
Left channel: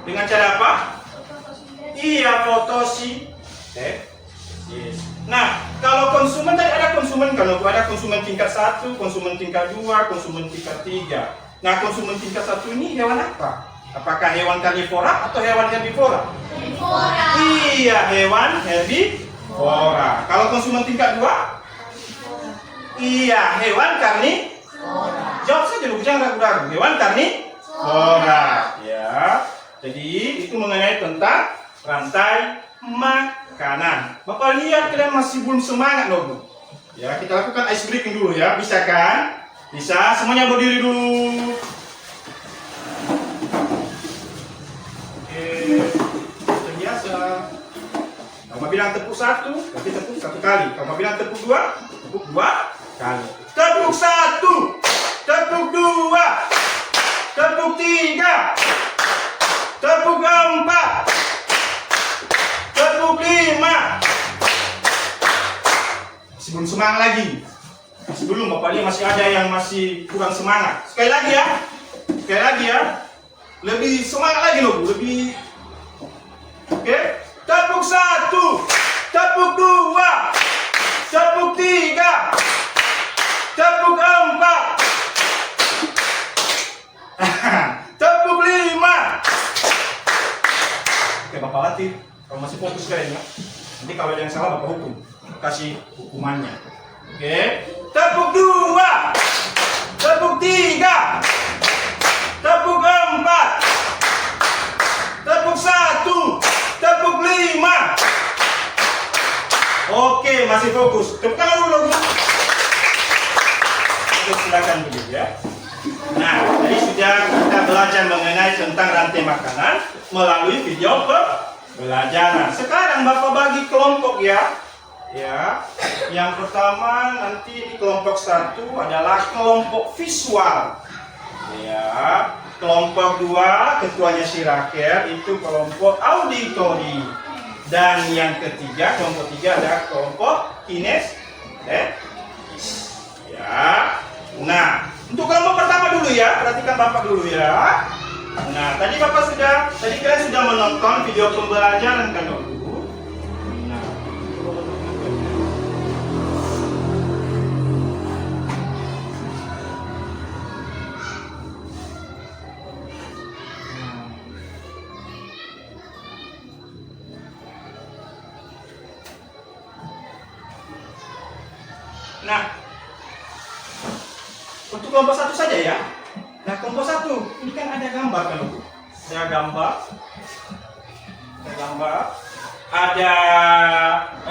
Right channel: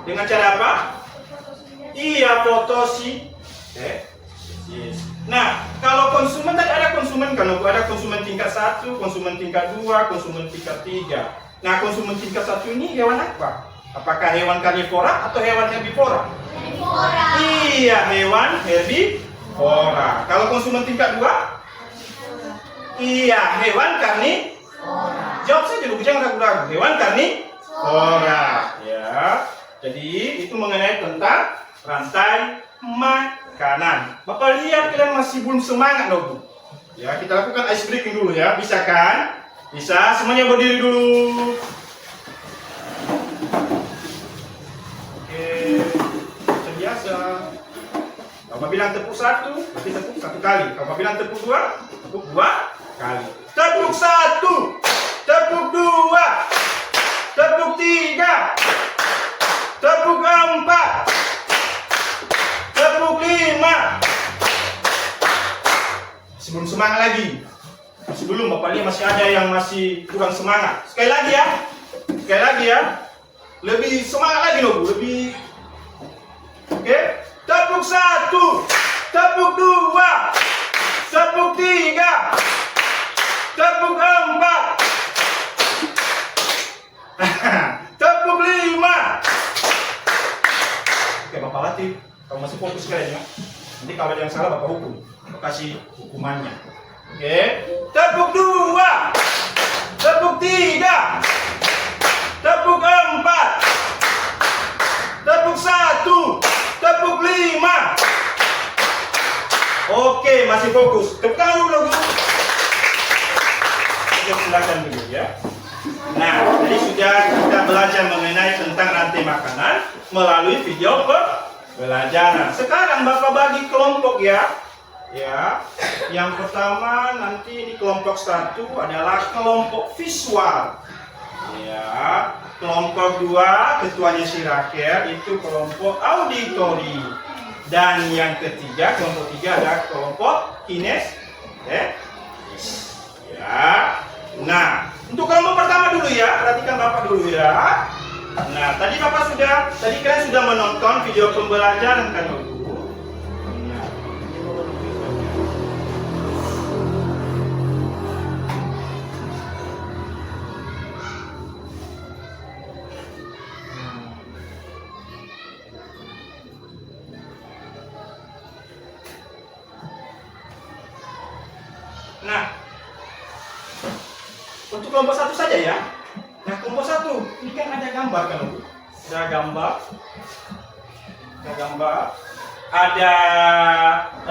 Dengan cara apa? Iya, fotosintesis. Nah, kalau konsumen tadi ada konsumen kan, ada konsumen tingkat 1, konsumen tingkat 2, konsumen tingkat 3. Nah, konsumen tingkat 1 ini hewan apa? Apakah hewan karnivora atau hewan herbivora? Herbivora. Iya, hewan herbivora. Kalau konsumen tingkat 2? Iya, hewan karnivora. Jawab saja dulu, jangan ragu-ragu. Hewan karnivora. Ya. Jadi, itu mengenai tentang rantai makanan. Bapak lihat kalian masih belum semangat loh, Bu. Ya, kita lakukan ice breaking dulu ya. Bisa kan? Bisa, semuanya berdiri dulu. Oke, seperti biasa. Kalau bilang tepuk 1, berarti tepuk 1 kali. Kalau bilang tepuk 2, tepuk 2 kali. Tepuk 1, tepuk 2, tepuk 3, tepuk 4, tepuk 5. Sebelum semangat lagi. Masih belum, Bapak lihat masih ada yang masih kurang semangat. Sekali lagi ya. Lebih semangat lagi loh, Bu. Lebih. Oke. Tepuk 1, tepuk 2, tepuk 3, tepuk 4, tepuk 5. Oke, Bapak latih. Kalau masih fokus kalian ya. Nanti kalau ada yang salah Bapak hukum. Kasih hukumannya. Oke, tepuk 2, tepuk 3, tepuk 4, tepuk 1, tepuk 5. Oke, masih fokus. Tepuk tangan dulu. Oke, silakan dulu ya. Nah, tadi sudah kita belajar mengenai tentang rantai makanan melalui video pembelajaran. Sekarang Bapak bagi kelompok ya. Ya, yang pertama nanti di kelompok 1 adalah kelompok visual. Ya, kelompok 2 ketuanya si Rakel itu kelompok auditori. Dan yang ketiga, kelompok 3 adalah kelompok kinestesis. Ya. Nah, untuk kelompok pertama dulu ya, perhatikan Bapak dulu ya. Nah, tadi kalian sudah menonton video pembelajaran kan, Bu? Nah, untuk kelompok 1 saja ya. Nah, kelompok 1 ini kan ada gambar kan, Bu? Ada gambar. Ada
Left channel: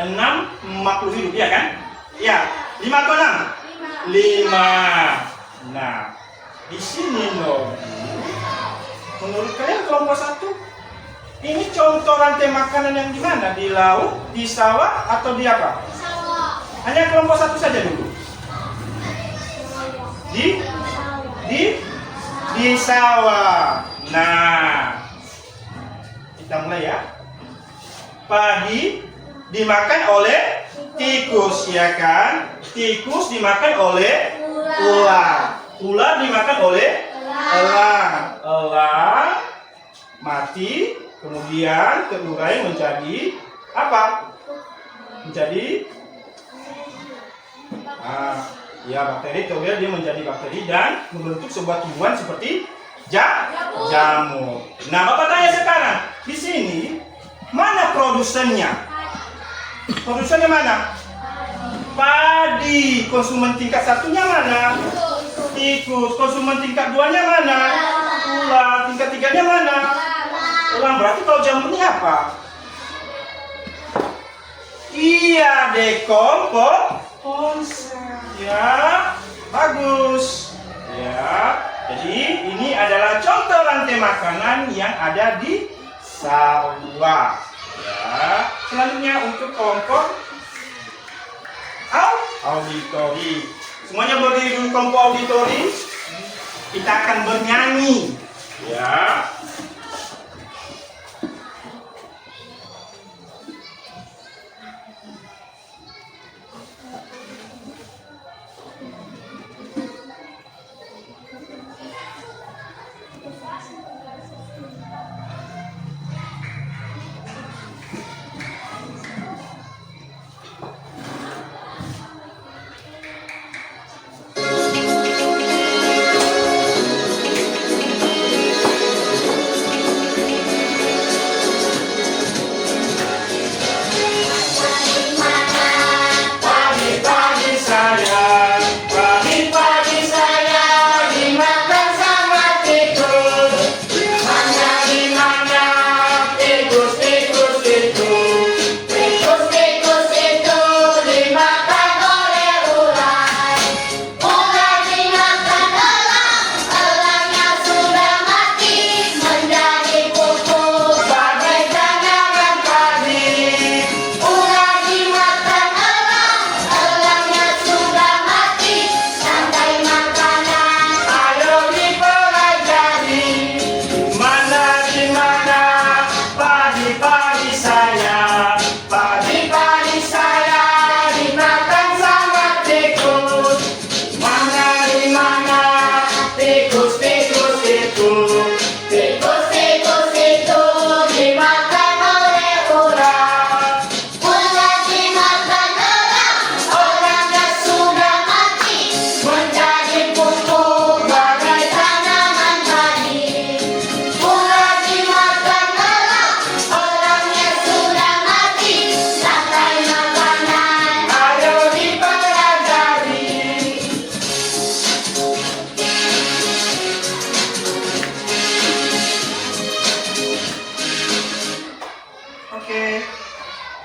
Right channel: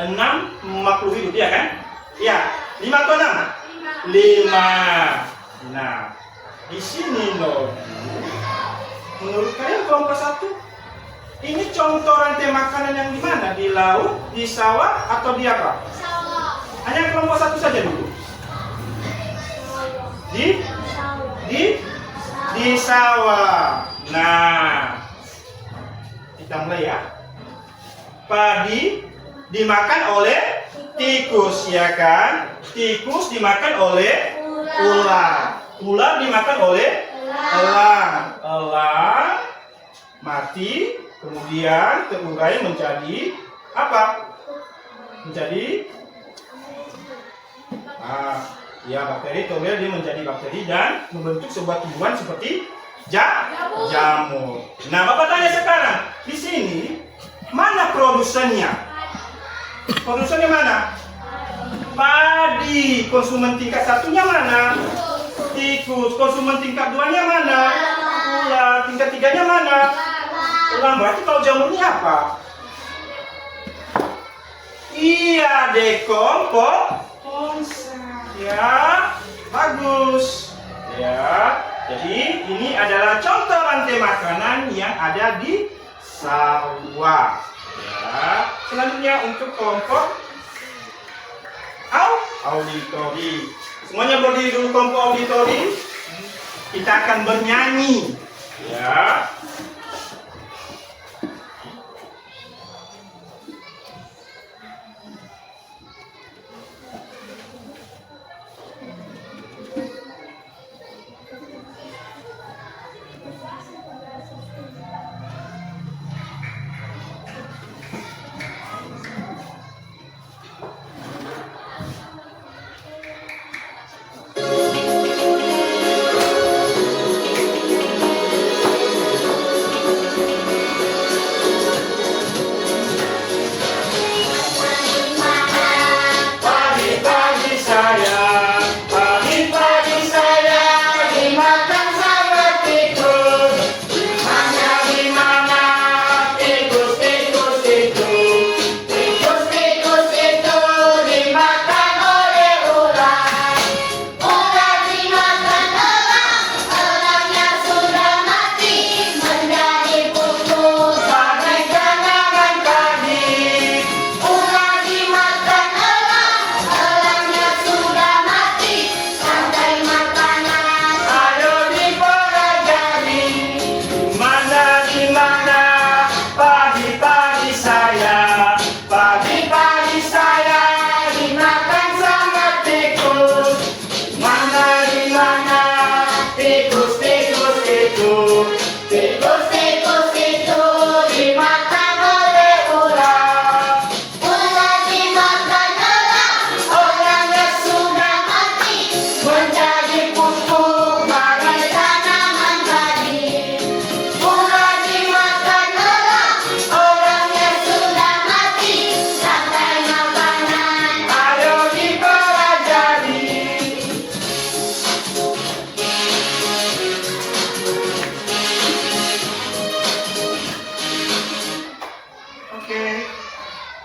6 makhluk hidup ya kan? Ya, 5 atau 6? 5. Nah, di sini loh. Menurut kalian kelompok 1, ini contoh rantai makanan yang di mana? Di laut, di sawah, atau di apa? Sawah. Hanya kelompok 1 saja dulu. Di sawah. Nah, kita mulai ya. Padi dimakan oleh tikus, ya kan? Tikus dimakan oleh ular. Ular dimakan oleh elang. Elang mati, kemudian terurai menjadi apa? Menjadi ya bakteri. Kemudian dia menjadi bakteri dan membentuk sebuah tumbuhan seperti jamur. Nah, Bapak tanya sekarang, di sini mana produsennya? Produsennya mana? Padi. Konsumen tingkat 1-nya mana? Tikus. Konsumen tingkat 2-nya mana? Ular. Tingkat 3-nya mana? Elang. Berarti kalau jamur ini apa? Iya, dekomposasi. Ya, bagus. Ya, jadi ini adalah contoh rantai makanan yang ada di sawah. Ya, selanjutnya untuk kelompok auditori. Semuanya berdiri dulu kelompok auditori. Kita akan bernyanyi. Ya.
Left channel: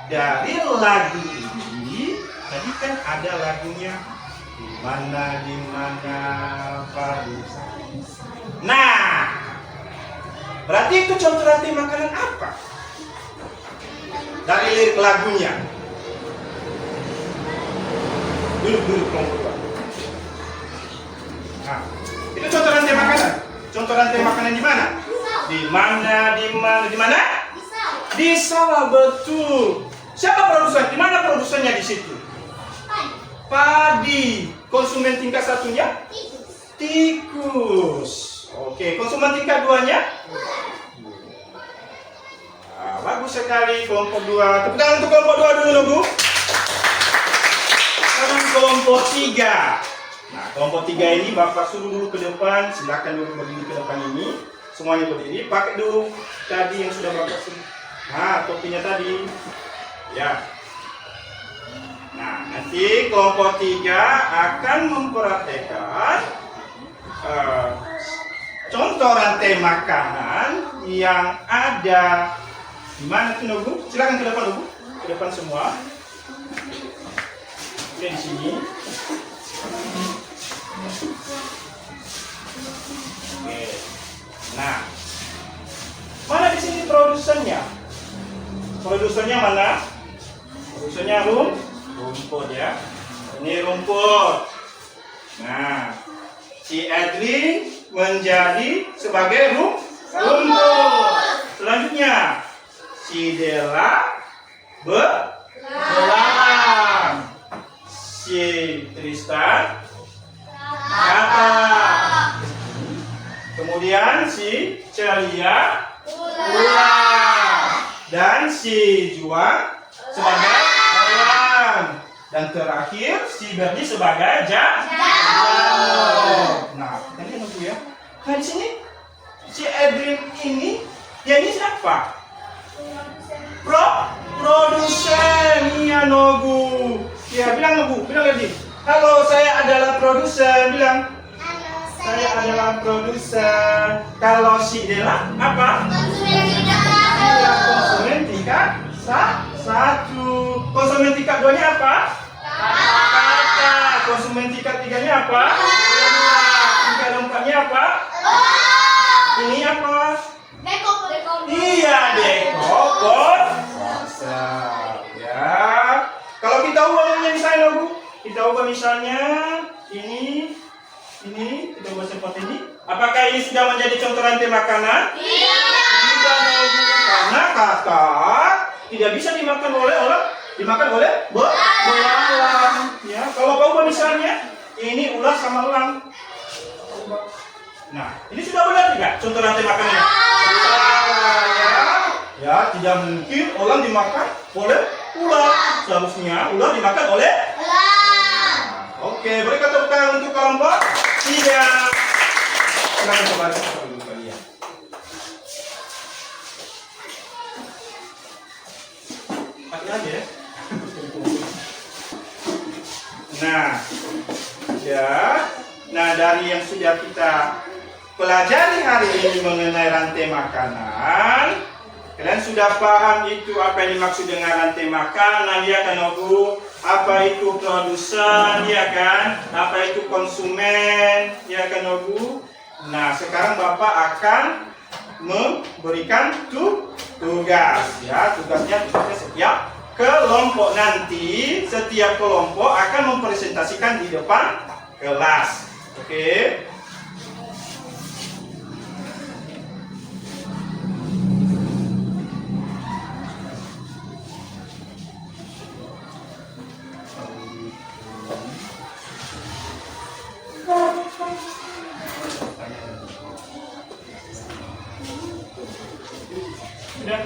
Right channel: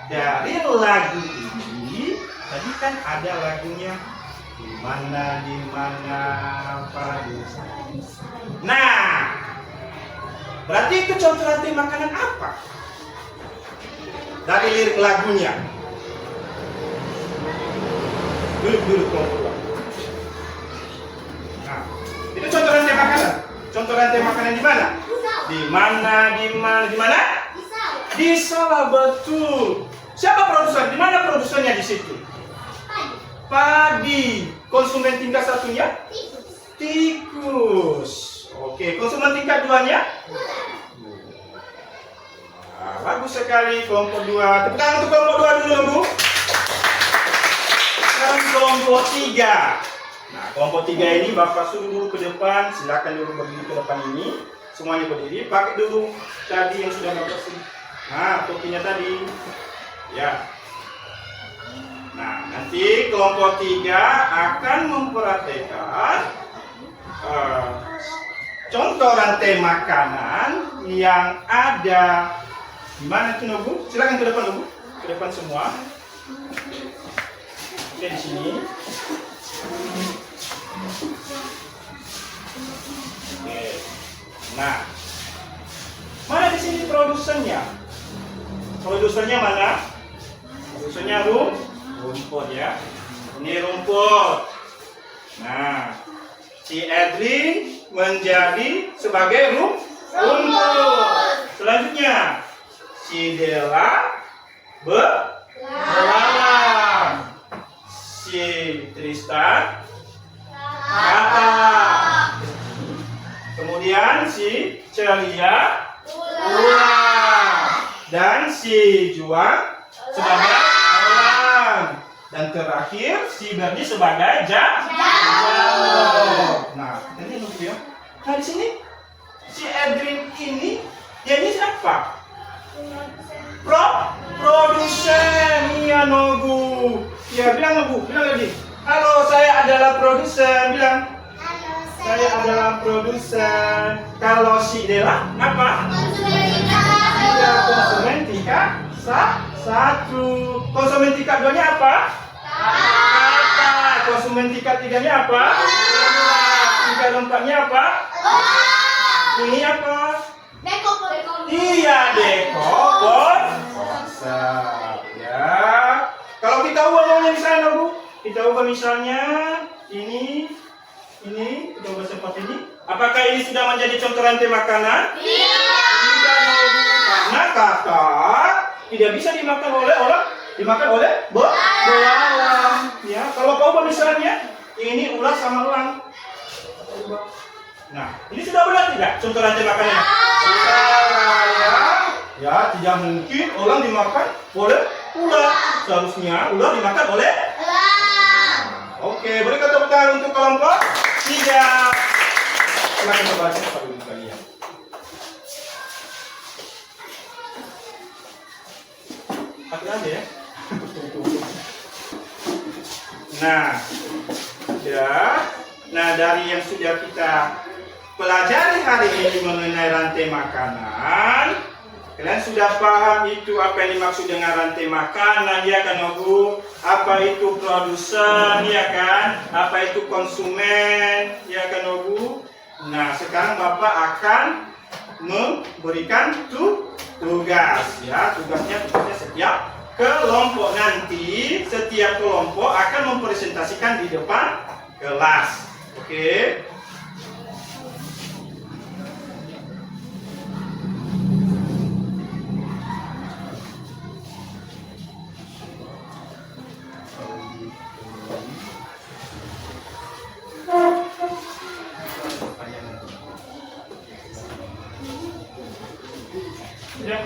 Dari lagu ini tadi kan ada lagunya di mana padi. Nah, berarti itu contoh rantai makanan apa? Dari lirik lagunya. Duduk kelompok 2. Nah, itu contoh rantai makanan. Contoh rantai makanan di mana? Di mana? Di sawah, betul. Siapa produsen? Di mana produsennya di situ? Padi. Konsumen tingkat 1-nya? Tikus. Oke, konsumen tingkat 2-nya? Nah, bagus sekali kelompok 2. Tepuk tangan untuk kelompok 2 dulu, Bu. Sekarang kelompok 3. Nah, kelompok 3 ini Bapak suruh dulu ke depan. Silakan dulu berdiri ke depan ini. Semuanya berdiri. Pakai dulu tadi yang sudah Bapak suruh. Nah, topinya tadi. Ya. Nah, nanti kelompok 3 akan memperhatikan contoh rantai makanan yang ada di mana tuh, Bu? Silakan ke depan, Bu. Ke depan semua. Oke, di sini. Oke. Nah, produsennya. Produsennya mana? Produsennya rumput ya. Ini rumput. Nah, si Edwin menjadi sebagai rumput. Selanjutnya, si Della belalang. Si Tristan kata. Kemudian si Celia ular. Dan si Juan sebagai elang. Dan terakhir si Berdi sebagai jamur. Nah, ini nunggu ya. Nah, di sini si Edwin ini, dia ini siapa? Produsen. Iya, Nogu. Ya, bilang Nogu, bilang lagi. Halo, saya adalah produsen. Bilang. Halo, Saya adalah produsen. Kalau si Della apa? Iya, konsumen tingkat satu. Konsumen tingkat 2-nya apa? Kakak. Konsumen tingkat 3-nya apa? Tingkat 4-nya apa? Ini apa? Iya, dekor konsep. Ya. Kalau kita ubahnya misalnya, Bu, kita ubah misalnya ini, kita ubah seperti ini. Apakah ini sudah menjadi contoh rantai makanan? Tidak, Bu. Karena kakak tidak bisa dimakan oleh belalang. Ya, kalau kau ubah misalnya ini ular sama elang. Nah, ini sudah benar tidak contoh rantai makanannya? Ya, tidak mungkin elang dimakan oleh ular. Seharusnya ular dimakan oleh elang. Oke, boleh kita tepuk tangan untuk kelompok 3. Silakan coba dulu kalian. Akhir aja ya. Nah, ya. Nah, dari yang sudah kita pelajari hari ini mengenai rantai makanan, kalian sudah paham itu apa yang dimaksud dengan rantai makanan, ya kan, Bu? Apa itu produsen, ya kan? Apa itu konsumen, ya kan, Bu? Nah, sekarang Bapak akan memberikan tugas, ya. Tugasnya setiap kelompok nanti, setiap kelompok akan mempresentasikan di depan kelas. Oke? Sudah?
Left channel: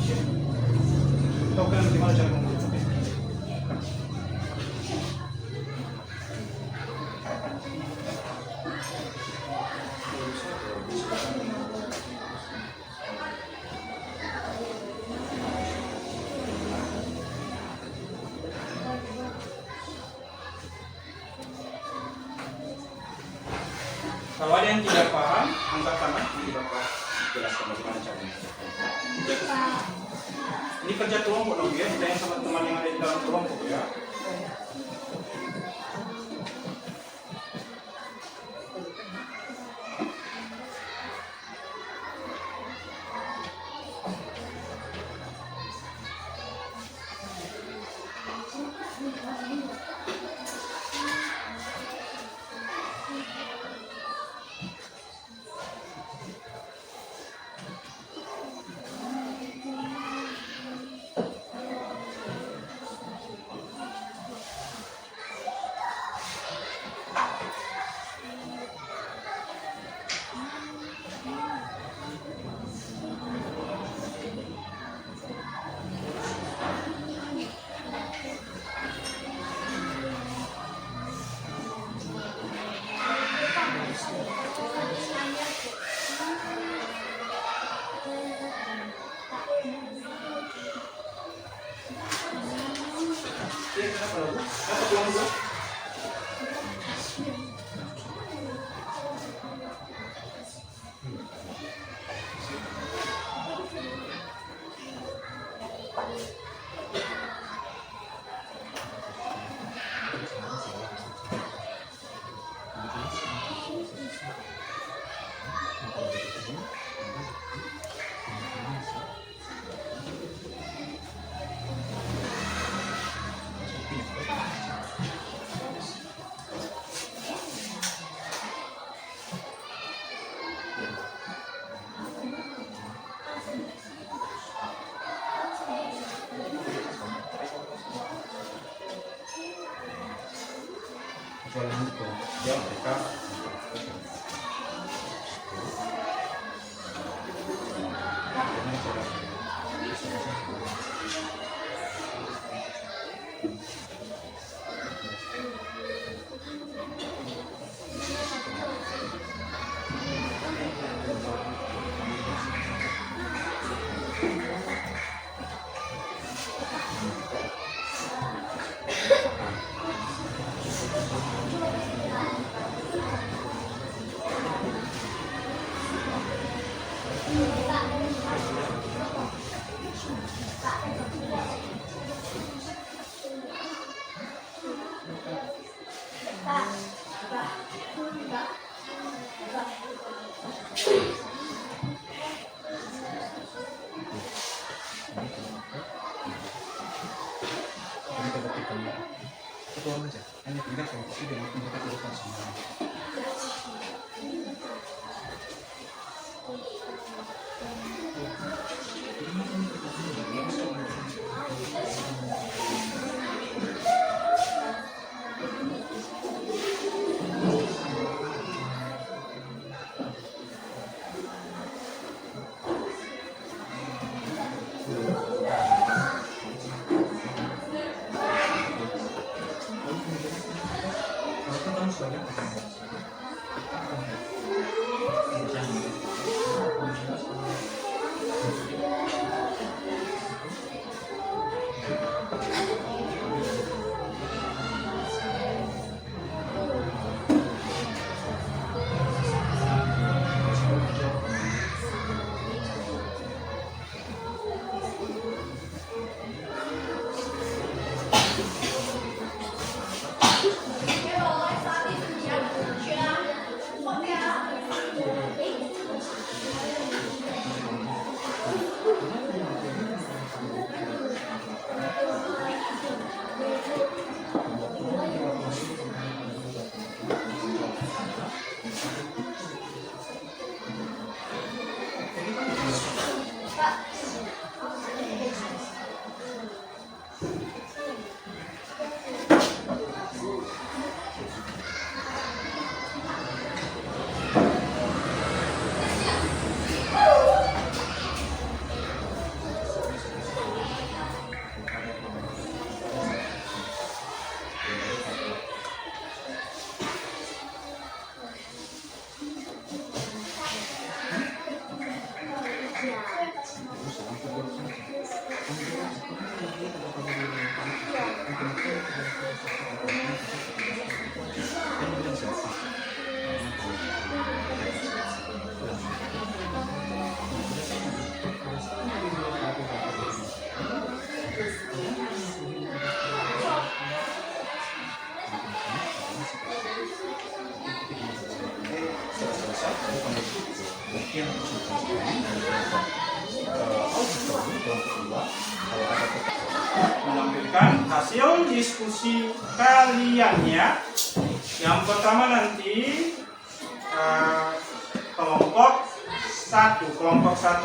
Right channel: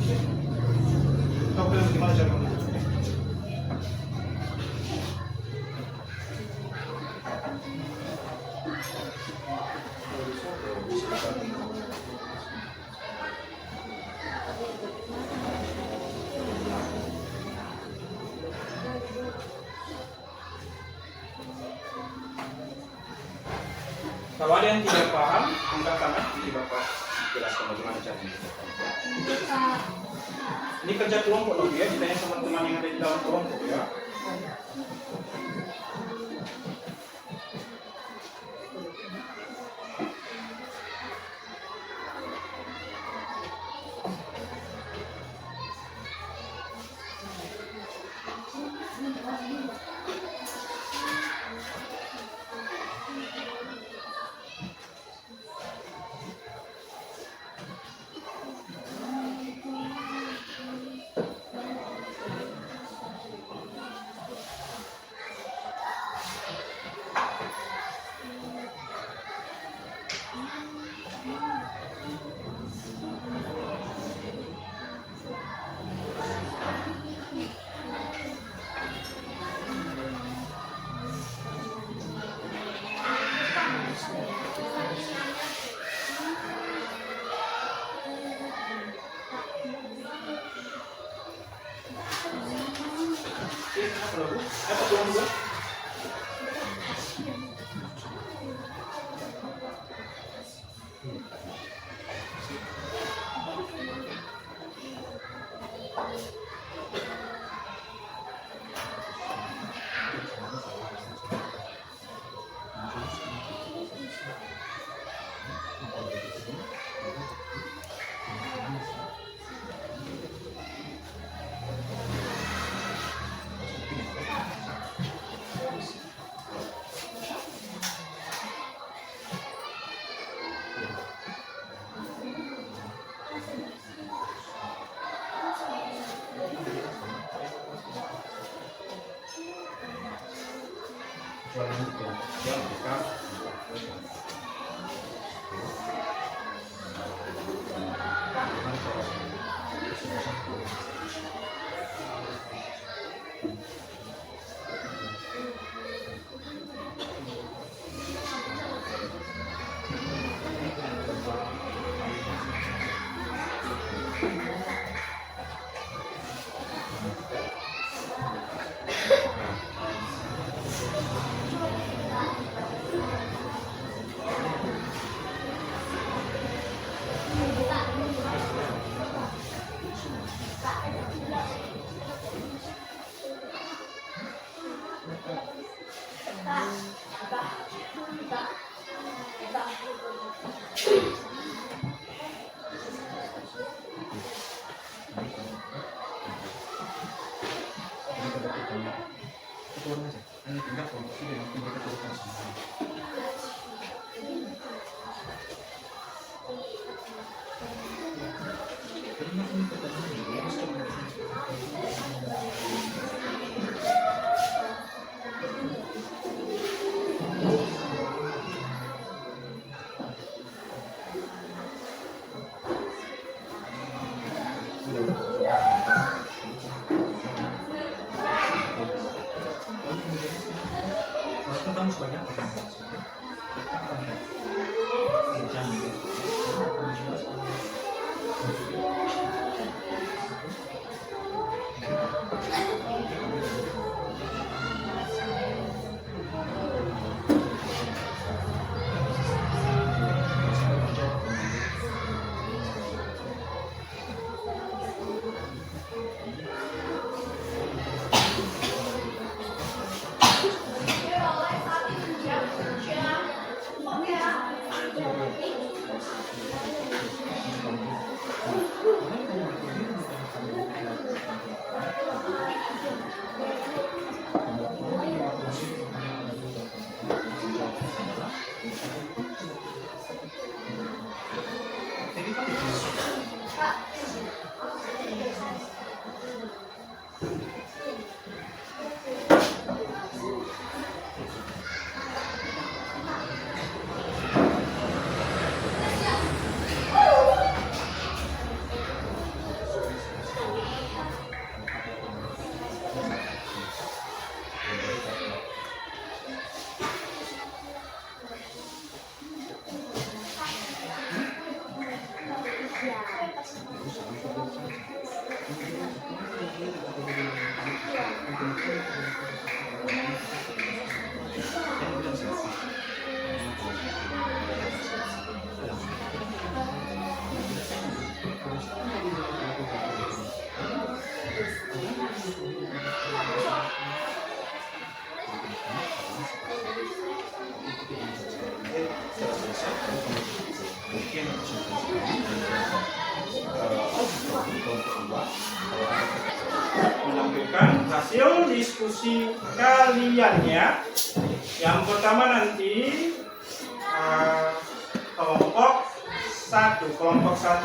Tahu kan bagaimana cara mengukurnya? Kalau ada yang tidak paham, angkat tangan, jadi Bapak jelaskan bagaimana caranya. Ini kerja kelompok dong ya, ditanya sama teman yang ada di dalam kelompok ya. Apa tuang dulu? Kecuali nanti kelompok dia mereka bagaimana caranya? Turun aja, hanya tinggal kelompok ini nanti mereka turunkan semuanya. Kalau ketemu sebanyak Mungkin menampilkan hasil diskusi kalian ya. Yang pertama nanti kelompok 1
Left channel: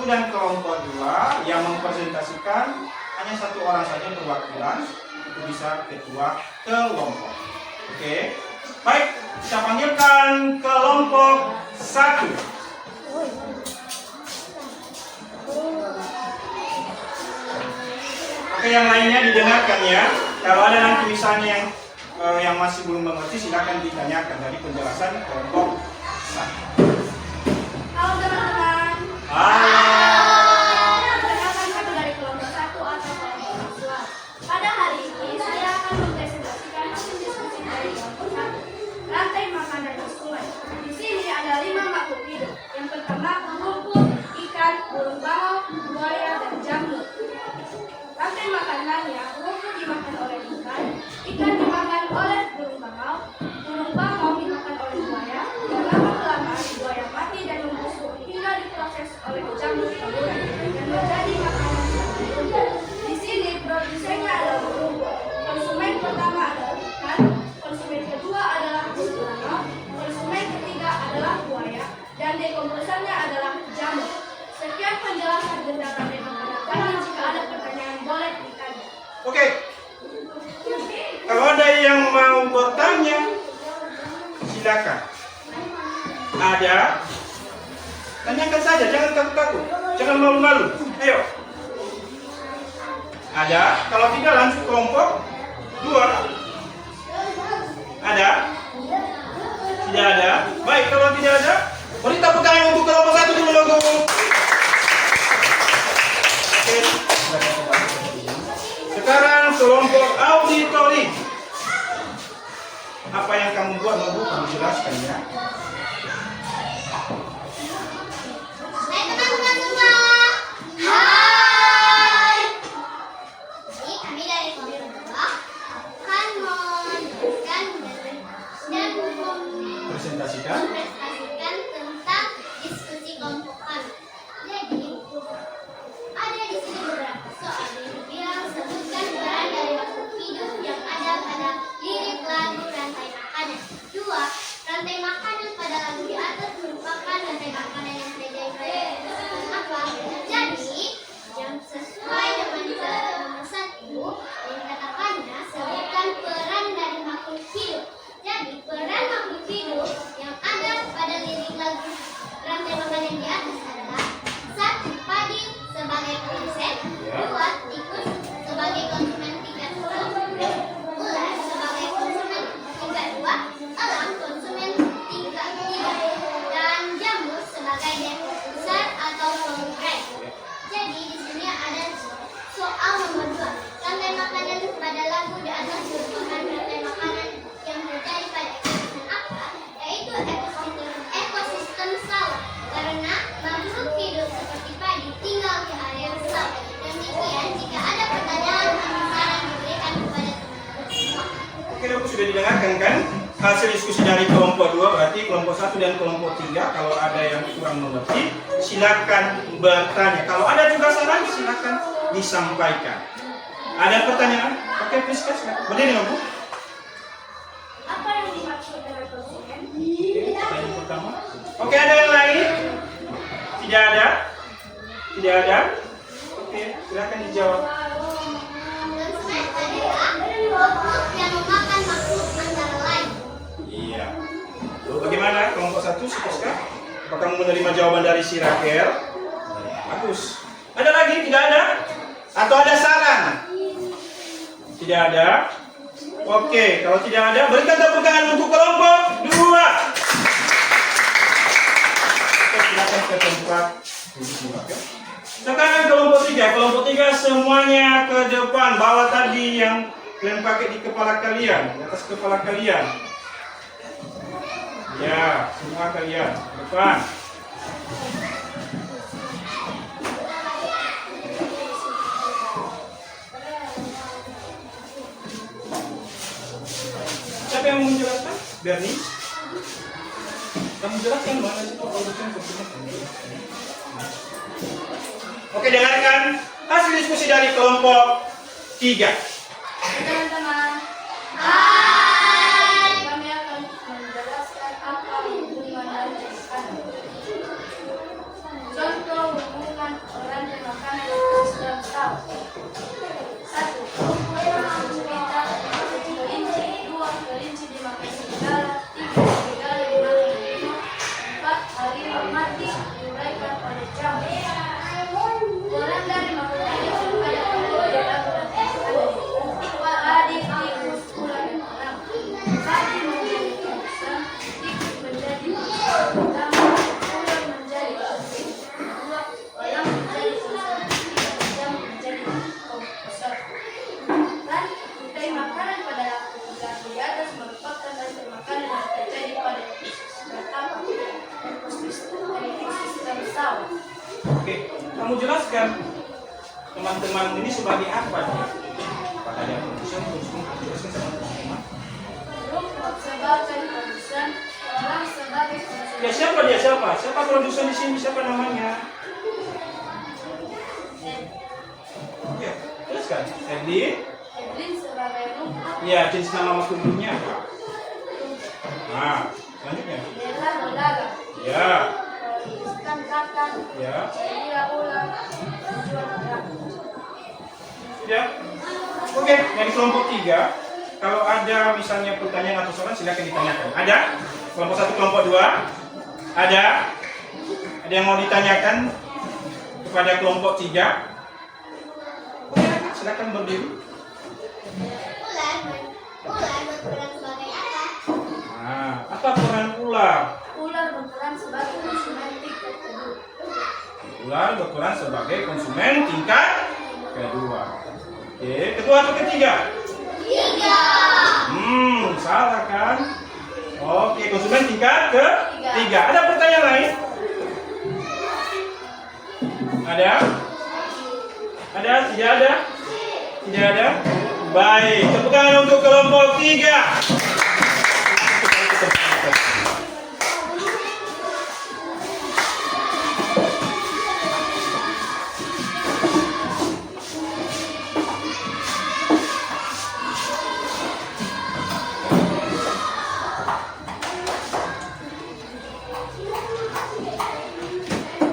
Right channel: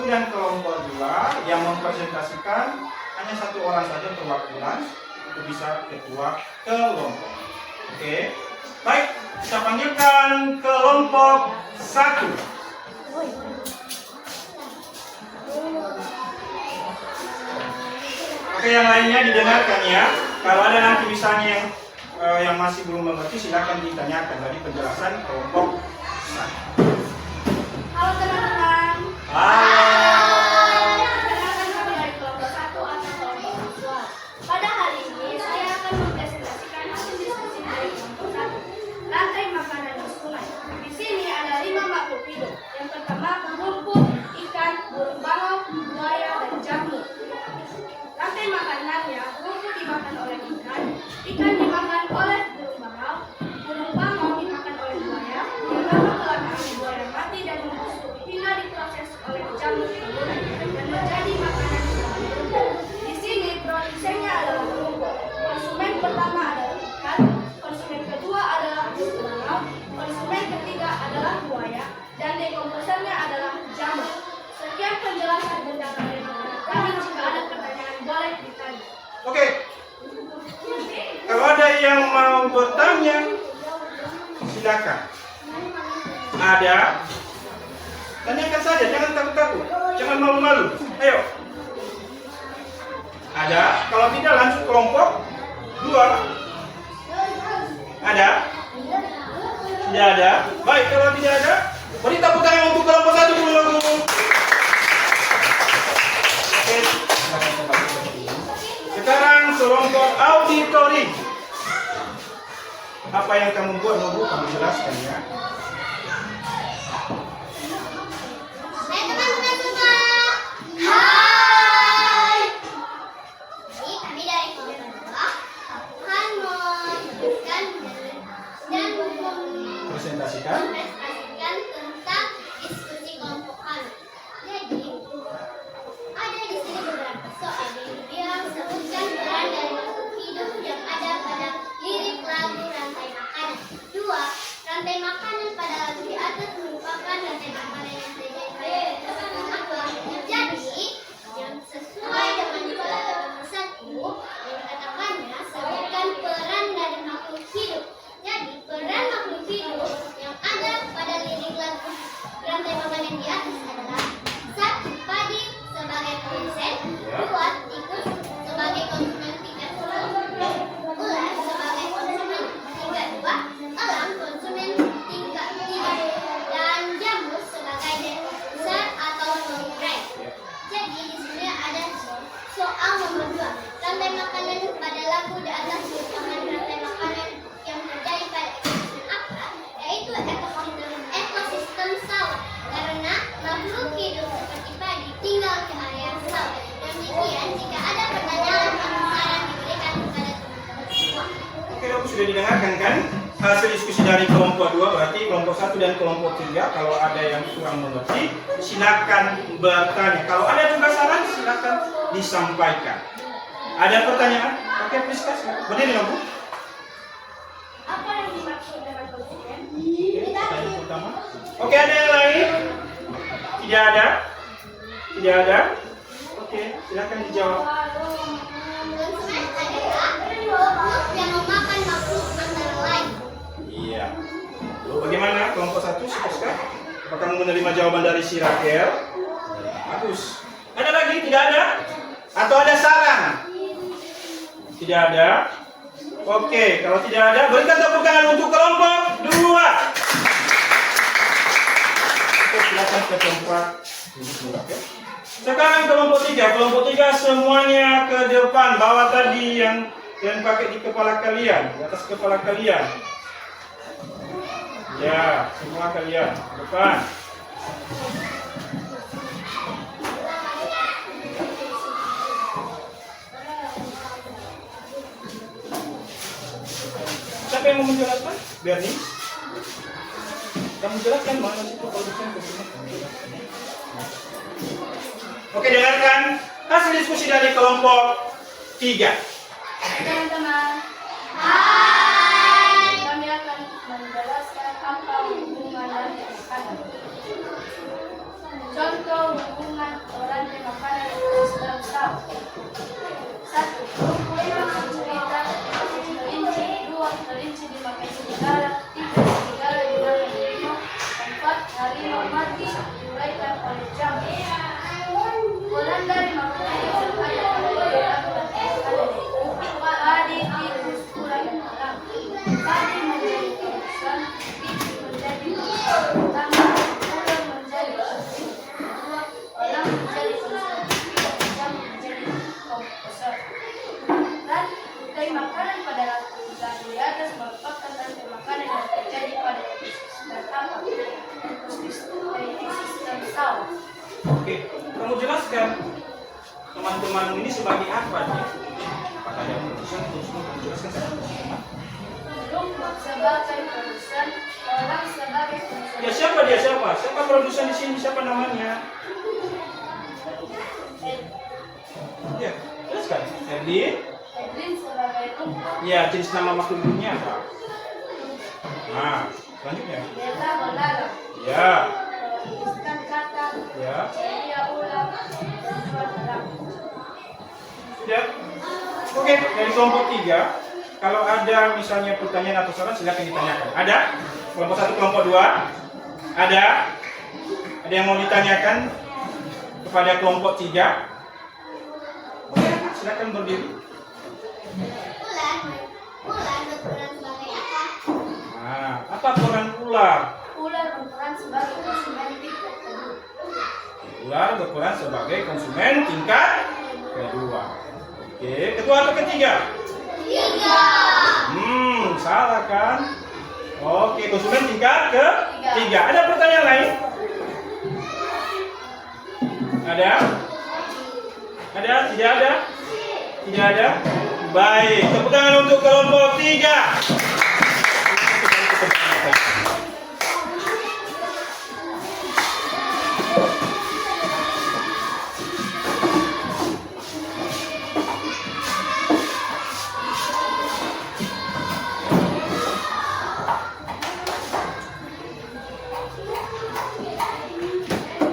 dan kelompok 2 yang mempresentasikan hanya satu orang saja perwakilan, itu bisa ketua kelompok. Oke, baik, kita panggilkan kelompok 1. Oke, yang lainnya didengarkan ya. Kalau ada nanti misalnya yang masih belum mengerti, silakan ditanyakan dari penjelasan kelompok 1. Halo teman-teman. Perkenalkan kami dari kelompok 1 atau kelompok 2. Pada hari ini saya akan mempresentasikan hasil diskusi dari kelompok 1. Rantai makanan di sungai. Di sini ada 5 makhluk hidup. Yang pertama rumput, ikan, burung bangau, buaya, dan jamur. Rantai makanannya, rumput dimakan oleh ikan dimakan oleh burung bangau dimakan oleh buaya. Lama-kelamaan buaya mati dan membusuk hingga diproses oleh jamur taburai dan menjadi makanan jamur. Di sini produsennya adalah rumput. Konsumen pertama adalah ikan, konsumen kedua adalah burung bangau, konsumen ketiga adalah buaya, dan dekomposernya adalah jamur. Sekian penjelasan tentang rantai makanan kami. Jika ada pertanyaan boleh ditanya. Oke, kalau ada yang mau bertanya, silakan. Ada? Tanyakan saja, jangan takut-takut, jangan malu-malu. Ayo. Ada? Kalau tidak lanjut kelompok 2. Ada? Tidak ada? Baik, kalau tidak ada, beri tepuk tangan untuk kelompok 1 dulu. Oke. Sekarang kelompok auditori. Apa yang kamu buat, kamu jelaskan ya. Hai teman-teman semua. Hai. Jadi kami dari kelompok 2 akan menjelaskan dan Presentasikan. mempresentasikan tentang diskusi kelompok kami. Jadi ada di sini beberapa soal yang sebutkan peran dari makhluk hidup yang ada pada lirik lagu rantai makanan. 2. Rantai makanan pada lagu di atas merupakan rantai makanan yang terjadi apa? Jadi yang sesuai dengan nomor 1 yang katakannya sebutkan peran dari makhluk hidup. Jadi peran makhluk hidup yang ada pada lirik lagu rantai makanan di atas adalah 1. Padi sebagai produsen, 2. Tikus sebagai konsumen tingkat 1, ular sebagai konsumen tingkat 2, elang konsumen tingkat 3, dan jamur sebagai dekomposer atau pengurang. Jadi di sini ada soal nomor 2. Rantai makanan pada lagu di atas merupakan rantai makanan yang terjadi pada ekosistem apa? Yaitu ekosistem sawah. Karena makhluk hidup seperti padi tinggal di air sawah. Demikian, jika ada pertanyaan atau saran diberikan kepada teman-teman semua. Oke, Bapak sudah didengarkan kan hasil diskusi dari kelompok 2, berarti kelompok 1 dan kelompok 3. Kalau ada yang kurang mengerti, silakan bertanya. Kalau ada juga saran, silakan disampaikan. Ada pertanyaan? Oke, please, berdiri Bu. Apa yang dimaksud dengan konsumen? Oke, pertanyaan pertama. Oke, ada yang lain? Tidak ada? Tidak ada? Oke, silakan dijawab. Konsumen adalah makhluk yang memakan makhluk antara lain. Iya. Lalu bagaimana kelompok 1, Siska? Apakah kamu menerima jawaban dari si Rakel? Bagus. Ada lagi? Tidak ada? Atau ada saran? Tidak ada? Oke, kalau tidak ada, berikan tepuk tangan untuk kelompok 2. Oke, silakan ke tempat duduk, ya. Sekarang kelompok 3. Kelompok 3 semuanya ke depan. Bawa tadi yang pakai di kepala kalian, di atas kepala kalian. Ya, semua kalian ke depan. Siapa yang mau menjelaskan? Bernie? Kamu jelaskan mana situ produsen konsumen. Oke, dengarkan hasil diskusi dari kelompok 3. Teman-teman. Hai. Kami akan menjelaskan apa hubungan rantai makanan. Contoh hubungan rantai makanan dan sistem saraf. 1. Rumput dimakan cerita. Kelinci. 2. Kelinci dimakan serigala. 3. Serigala dimakan harimau. 4. Harimau mati diuraikan oleh jamur. Bulan dari makanan yang berbeda pada perilaku rantai makanan. Padi, tikus, ular, dan elang. Padi menjadi timusan, tikus menjadi ular, ular menjadi kucing, elang menjadi komposer, jamur menjadi komposer. Rantai makanan pada lampu di atas merupakan rantai makanan yang terjadi pada ekosistem apa? Ekosistem sawah. Oke, kamu jelaskan teman-teman ini sebagai apa dia? Kata dia produsen, kamu jelaskan sama. Rumput sebagai produsen, orang sebagai konsumen. Ya siapa dia siapa? Siapa produsen di sini? Siapa namanya? Ya, jelaskan. Edlin. Edlin sebagai rumput. Ya, jenis nama makhluknya apa? Nah, selanjutnya. Bella belalang. Ya, Ikan kakak. ya. Dia ular. Tujuan ular. Ya. Oke, dari kelompok 3, kalau ada misalnya pertanyaan atau saran silakan ditanyakan. Ada? Kelompok 1, kelompok 2? Ada? Ada yang mau ditanyakan kepada kelompok 3? Oke, silakan berdiri. Ular berperan sebagai apa? Nah, apa peran ular? Ular berperan sebagai konsumen tingkat kedua. Ular berperan sebagai konsumen tingkat kedua. Oke, kedua atau ketiga? Tiga. Salah kan? Oke, konsumen tingkat ketiga. Ada pertanyaan lain? Ada? Ada? Tidak ada? Tidak ada? Baik, tepuk tangan untuk kelompok 3.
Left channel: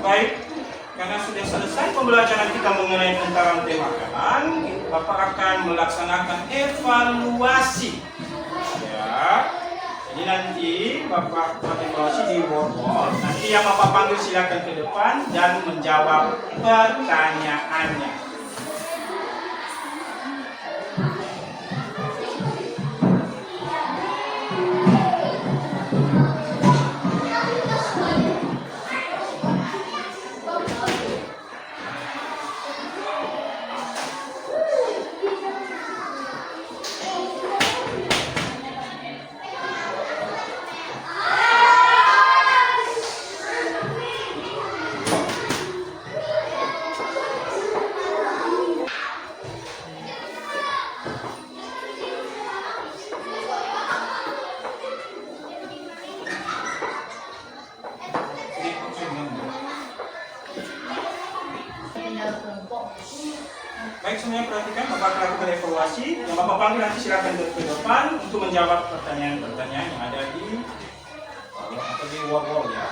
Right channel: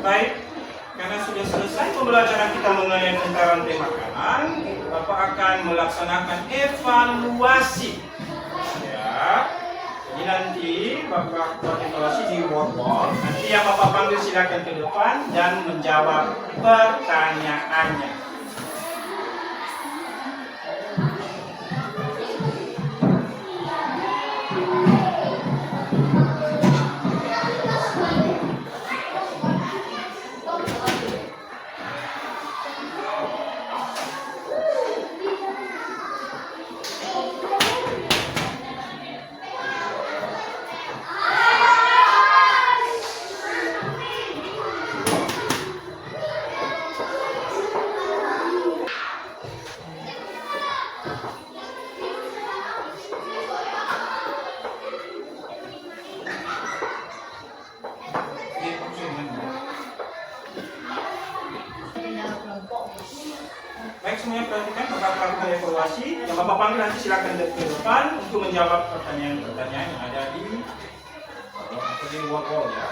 Baik, karena sudah selesai pembelajaran kita mengenai tentang rantai makanan, Bapak akan melaksanakan evaluasi. Ya, jadi nanti Bapak buat evaluasi di wall. Nanti yang Bapak panggil silakan ke depan dan menjawab pertanyaannya. Baik, semuanya perhatikan, Bapak akan lakukan evaluasi. Yang Bapak panggil nanti silakan ke depan untuk menjawab pertanyaan-pertanyaan yang ada di wall ya.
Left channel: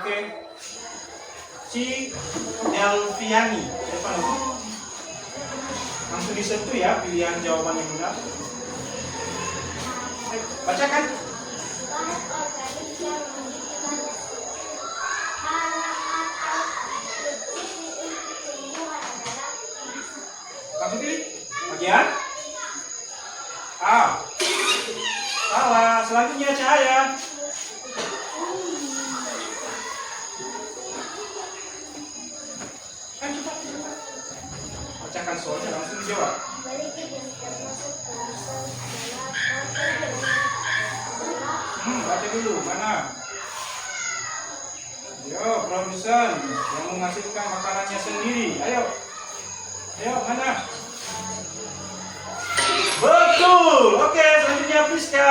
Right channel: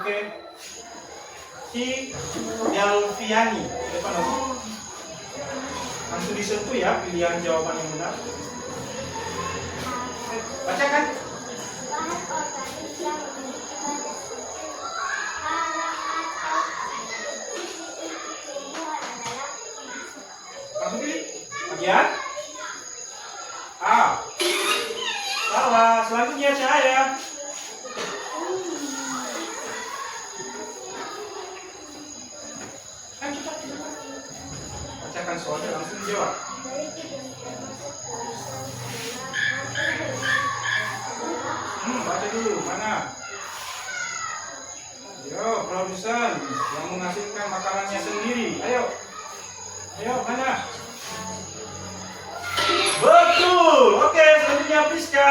Oke. Si Delviani, siapa namanya? Langsung disentuh ya pilihan jawaban yang benar. Bacakan. Bahan organik yang memiliki banyak hara atau nutrisi untuk tumbuhan adalah Kamu pilih bagian A. Salah. Selanjutnya cahaya. bacakan soalnya langsung jawab. Balikin yang termasuk tulisan Baca dulu, mana? Yo, produsen yang menghasilkan makanannya sendiri. Ayo. Ayo, mana? Betul. Oke, selanjutnya Priska.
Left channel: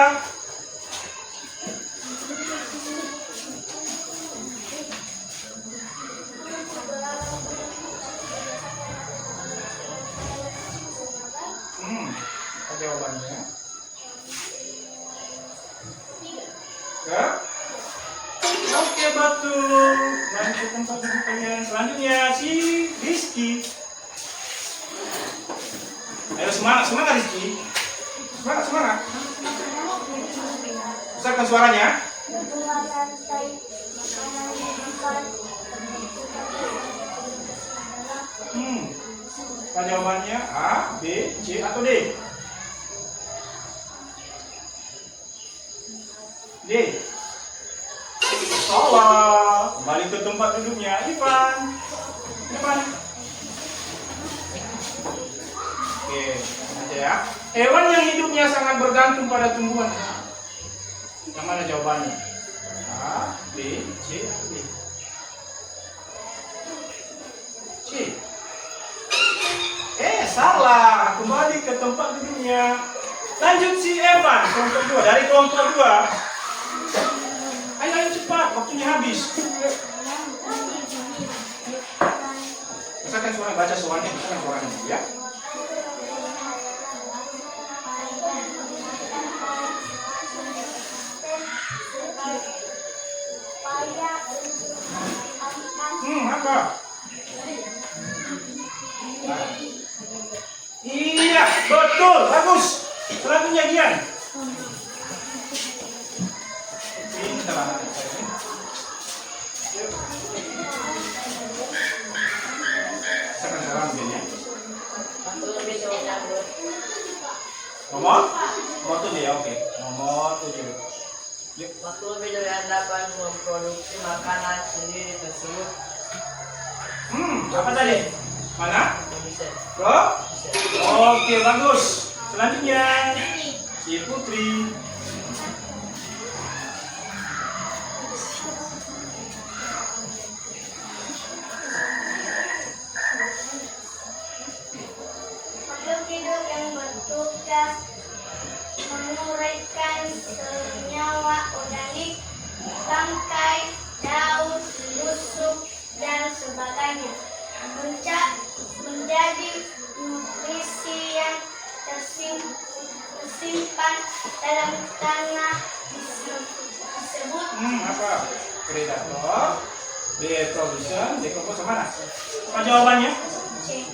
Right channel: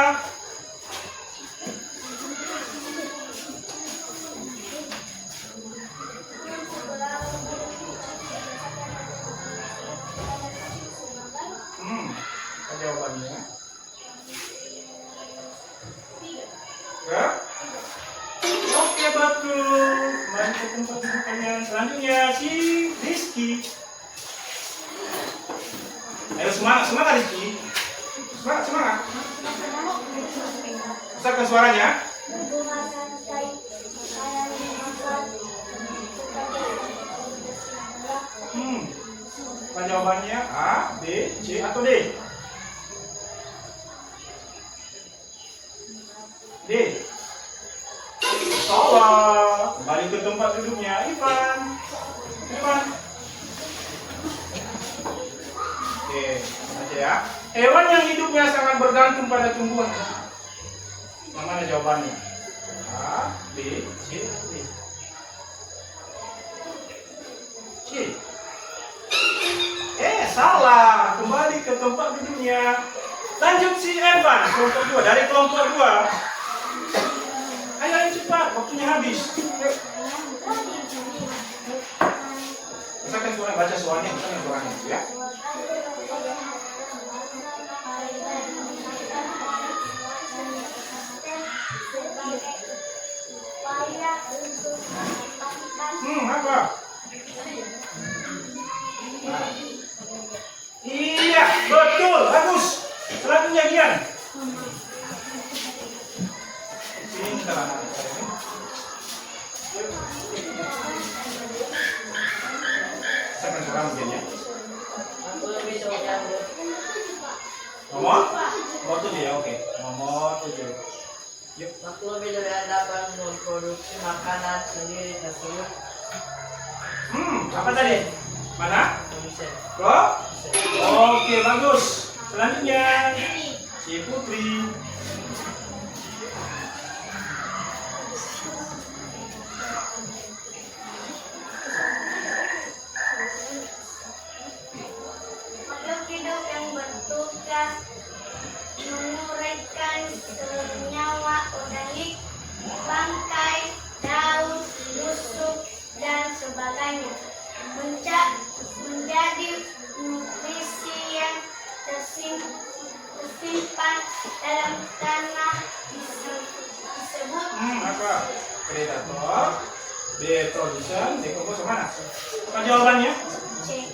Apa jawabannya? Enggak? Oke, betul. Mari ke tempat duduk kalian. Selanjutnya si Rizky. Ayo semangat, semangat Rizky. Semangat, semangat. Besarkan suaranya. membuat rantai makanan yang makan. Apa jawabannya? A, B, C, atau D? D. Salah. Kembali ke tempat duduknya. Ivan. Ivan. Oke, aja ya. Hewan yang hidupnya sangat bergantung pada tumbuhan. Yang mana jawabannya? A, B, C, atau D? C. Salah. Kembali ke tempat duduknya. Lanjut si Evan, kelompok 2. Dari kelompok 2. Ayo, ayo cepat. Waktunya habis. Yuk. Misalkan suara, baca soalnya. Misalkan suaranya. Ya. Apa? Nah. Iya, betul, bagus. Selanjutnya Gian. Ini salah anak saya ini. Yuk. Sekarang sekarang begini. Aku lebih suka bro. Nomor? Nomor 7 ya, oke. Nomor 7. Yuk. Waktu lebih dari Anda dapat memproduksi makanan sendiri tersebut. Apa tadi? Mana? Bisa. Bro? Oke, bagus. Selanjutnya si Putri. Makhluk hidup yang bertugas menguraikan senyawa organik, bangkai, daun, busuk, dan sebagainya. Menjadi nutrisi yang tersimpan dalam tanah disebut Apa? Predator. B. Production. Dekomposer mana? Apa jawabannya? C.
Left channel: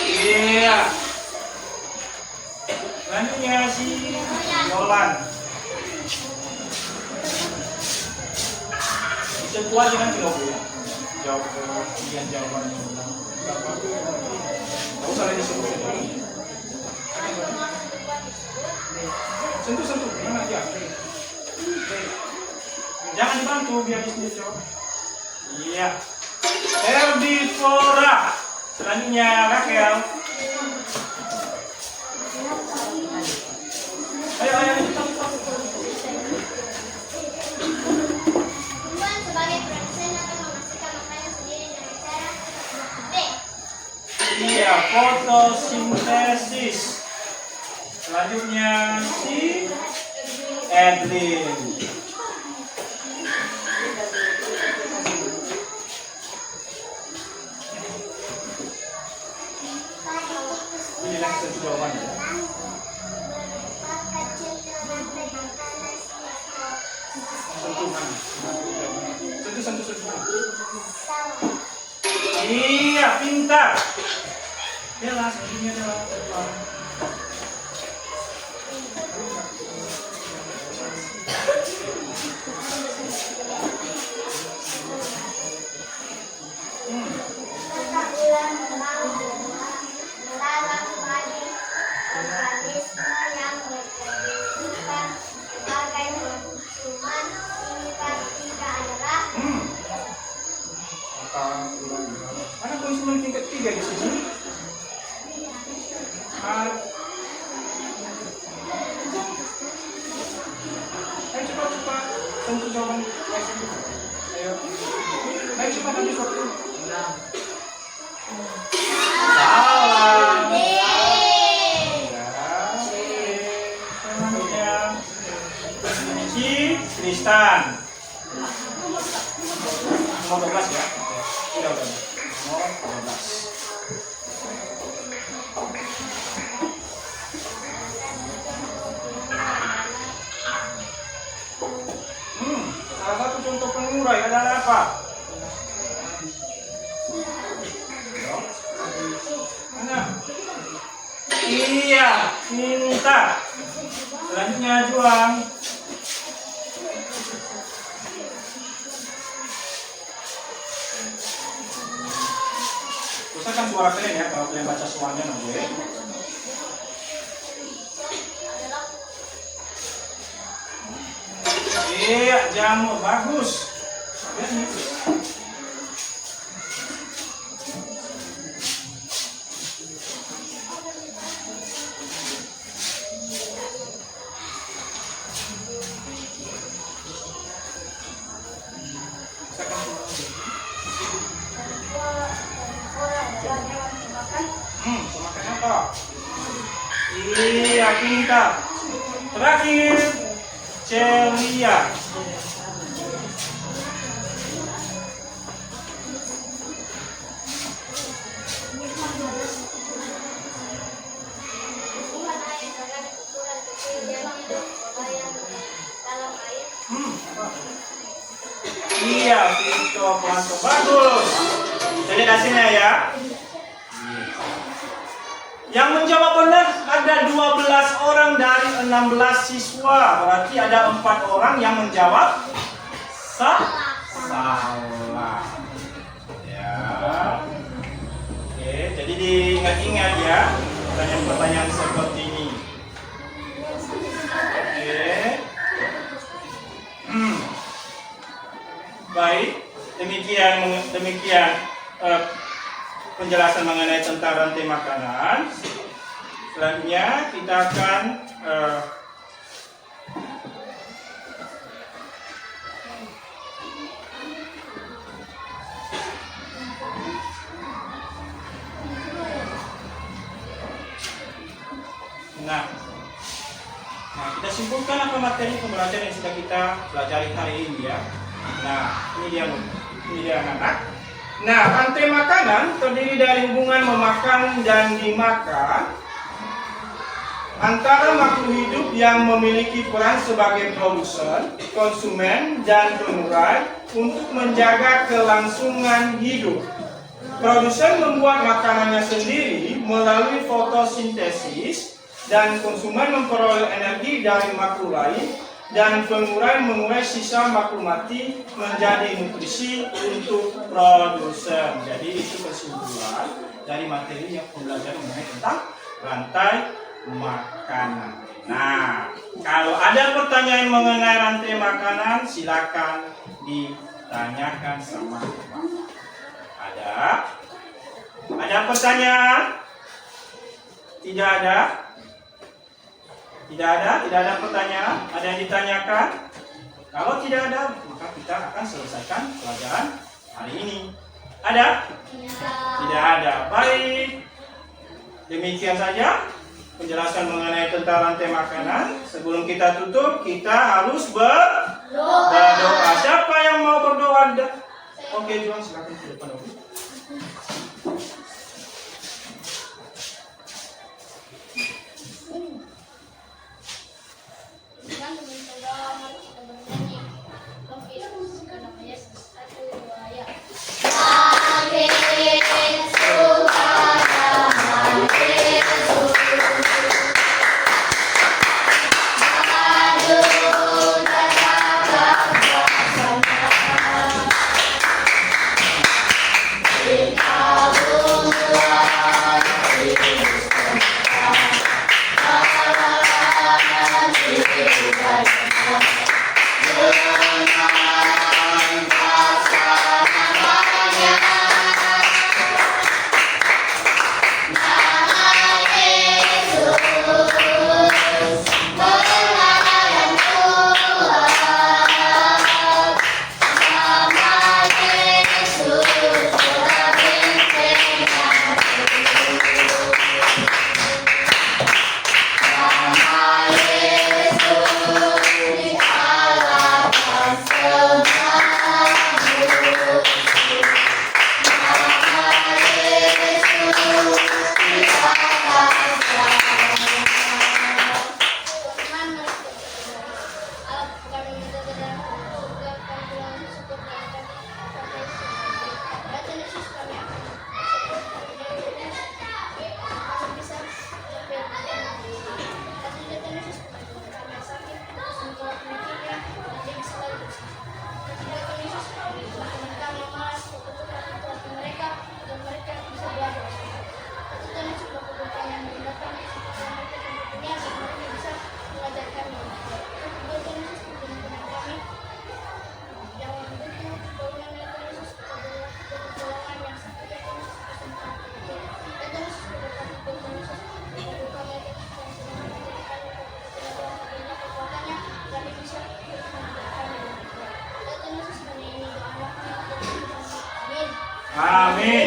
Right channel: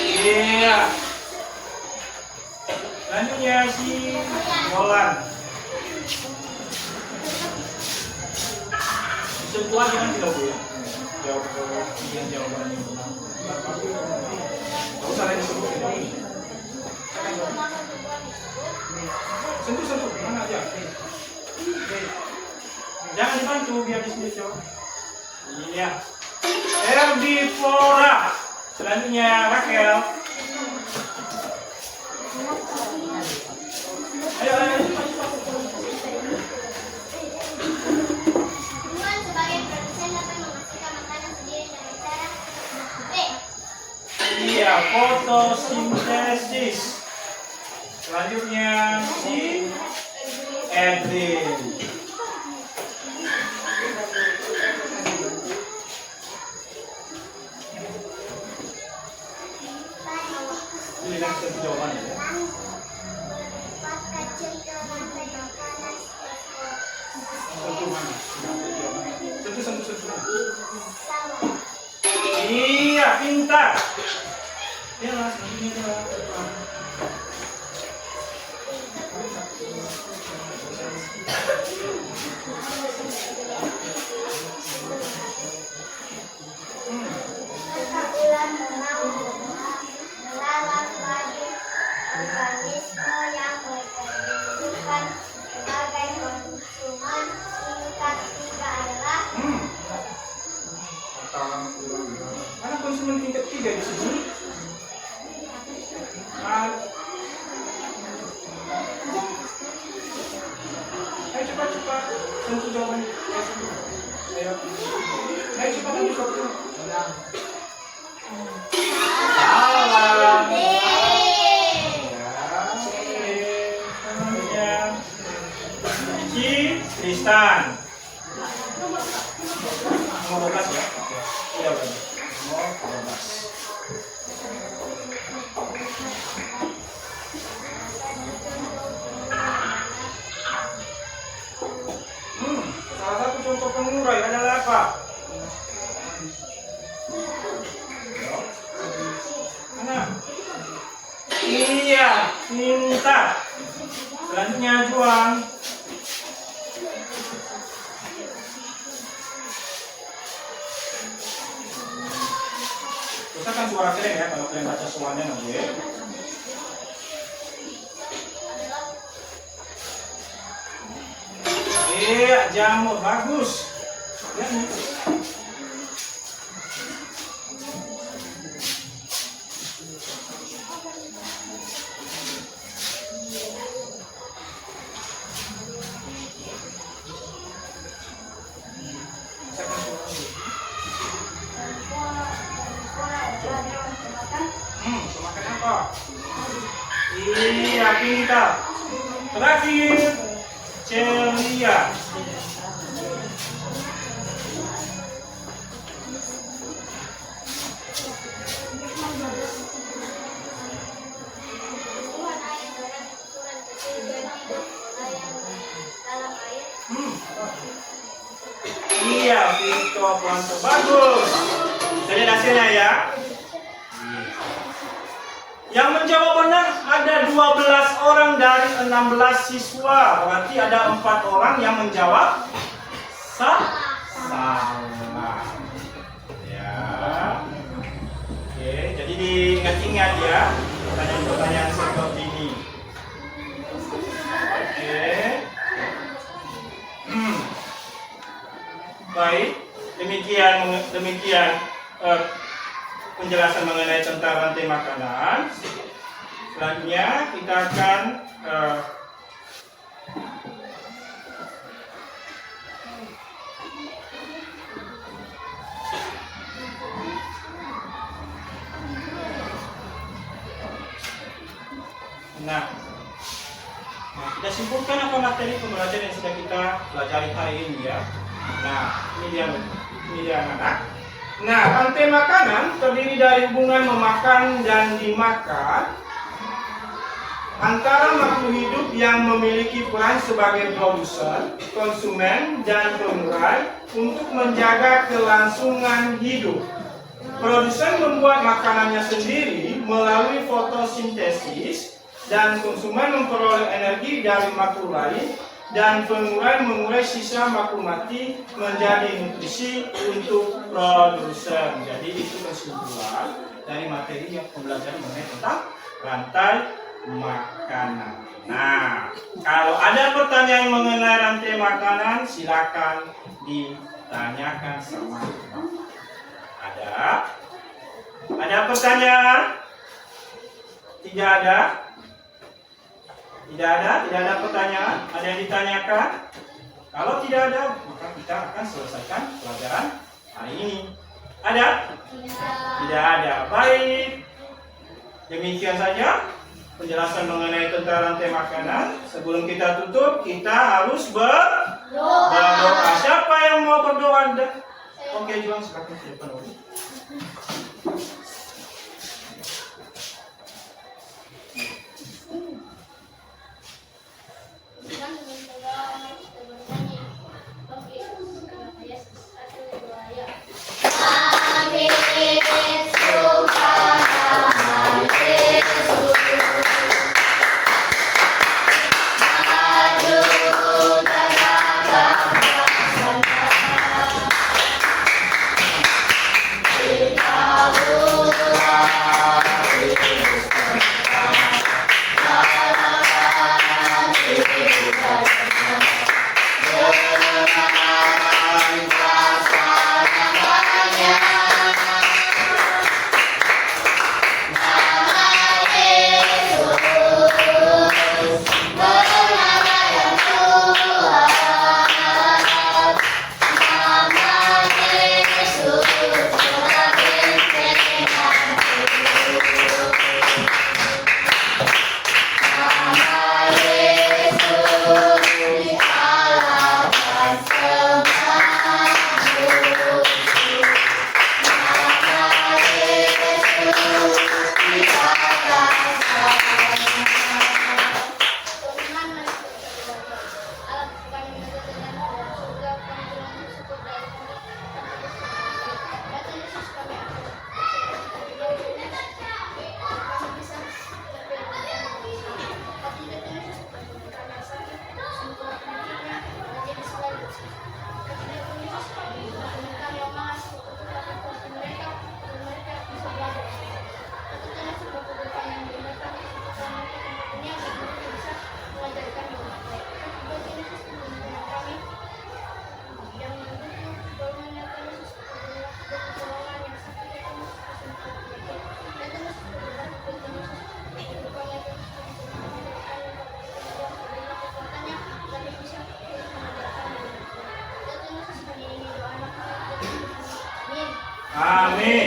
Iya. Selanjutnya si Nolan. Sebuah jangan tidak ya. Jawab bagian jawabannya. Tidak usah lagi sebut. Sentuh, mana aja. Jangan dibantu biar di sini jawab. Iya. Herbivora. Selanjutnya Raquel. Ayo. Tumbuhan sebagai produsen dapat menghasilkan makanan sendiri dengan cara B. Iya, fotosintesis. Selanjutnya si Edwin. Ini lagi satu jawabannya. Berupa kecil ke rantai makanan Sentuh mana? Sentuh. salah. Iya, pintar. Bella, selanjutnya Bella. Serta ular mau melawan bagi organisme yang berkehidupan sebagai konsumen singkat tiga adalah Mana konsumen tingkat 3 di sini? ikut tuh. Salah. Namanya Tristan. Nomor 12 ya. Udah. Nomor 12. Salah satu contoh pengurai adalah apa? Mana? Iya, minta. Selanjutnya juang. Usahakan suara kalian ya kalau kalian baca suaranya nanti. Jamur bagus. Ya, gitu. Makan apa? Iya, pintar. Terakhir, ceria. Iya, Vito Kwanto bagus. Kita lihat hasilnya ya. Yang menjawab benar ada 12 orang dari 16 siswa. Berarti ada 4 orang yang menjawab salah. Ya. Oke, jadi diingat-ingat ya pertanyaan-pertanyaan seperti ini. Oke. Baik, demikian penjelasan mengenai tentang rantai makanan. Selanjutnya kita akan kita simpulkan apa materi pembelajaran yang sudah kita pelajari hari ini ya. Nah, ini dia anak-anak. Nah, rantai makanan terdiri dari hubungan memakan dan dimakan antara makhluk hidup yang memiliki peran sebagai produsen, konsumen, dan pengurai untuk menjaga kelangsungan hidup. Produsen membuat makanannya sendiri melalui fotosintesis dan konsumen memperoleh energi dari makhluk lain, dan pengurai mengurai sisa makhluk mati menjadi nutrisi untuk produsen. Jadi itu kesimpulan dari materi yang pembelajaran mengenai tentang rantai makanan. Nah, kalau ada pertanyaan mengenai rantai makanan, silakan ditanyakan sama Bapak. Ada pertanyaan? Tidak ada? Tidak ada pertanyaan? Ada yang ditanyakan? Kalau tidak ada, maka kita akan selesaikan pelajaran hari ini. Ada? Tidak ada. Baik. Demikian saja penjelasan mengenai tentang rantai makanan. Sebelum kita tutup, kita harus berdoa. Siapa yang mau berdoa? Oke, Juan, silakan ke depan dulu. Kita Amin.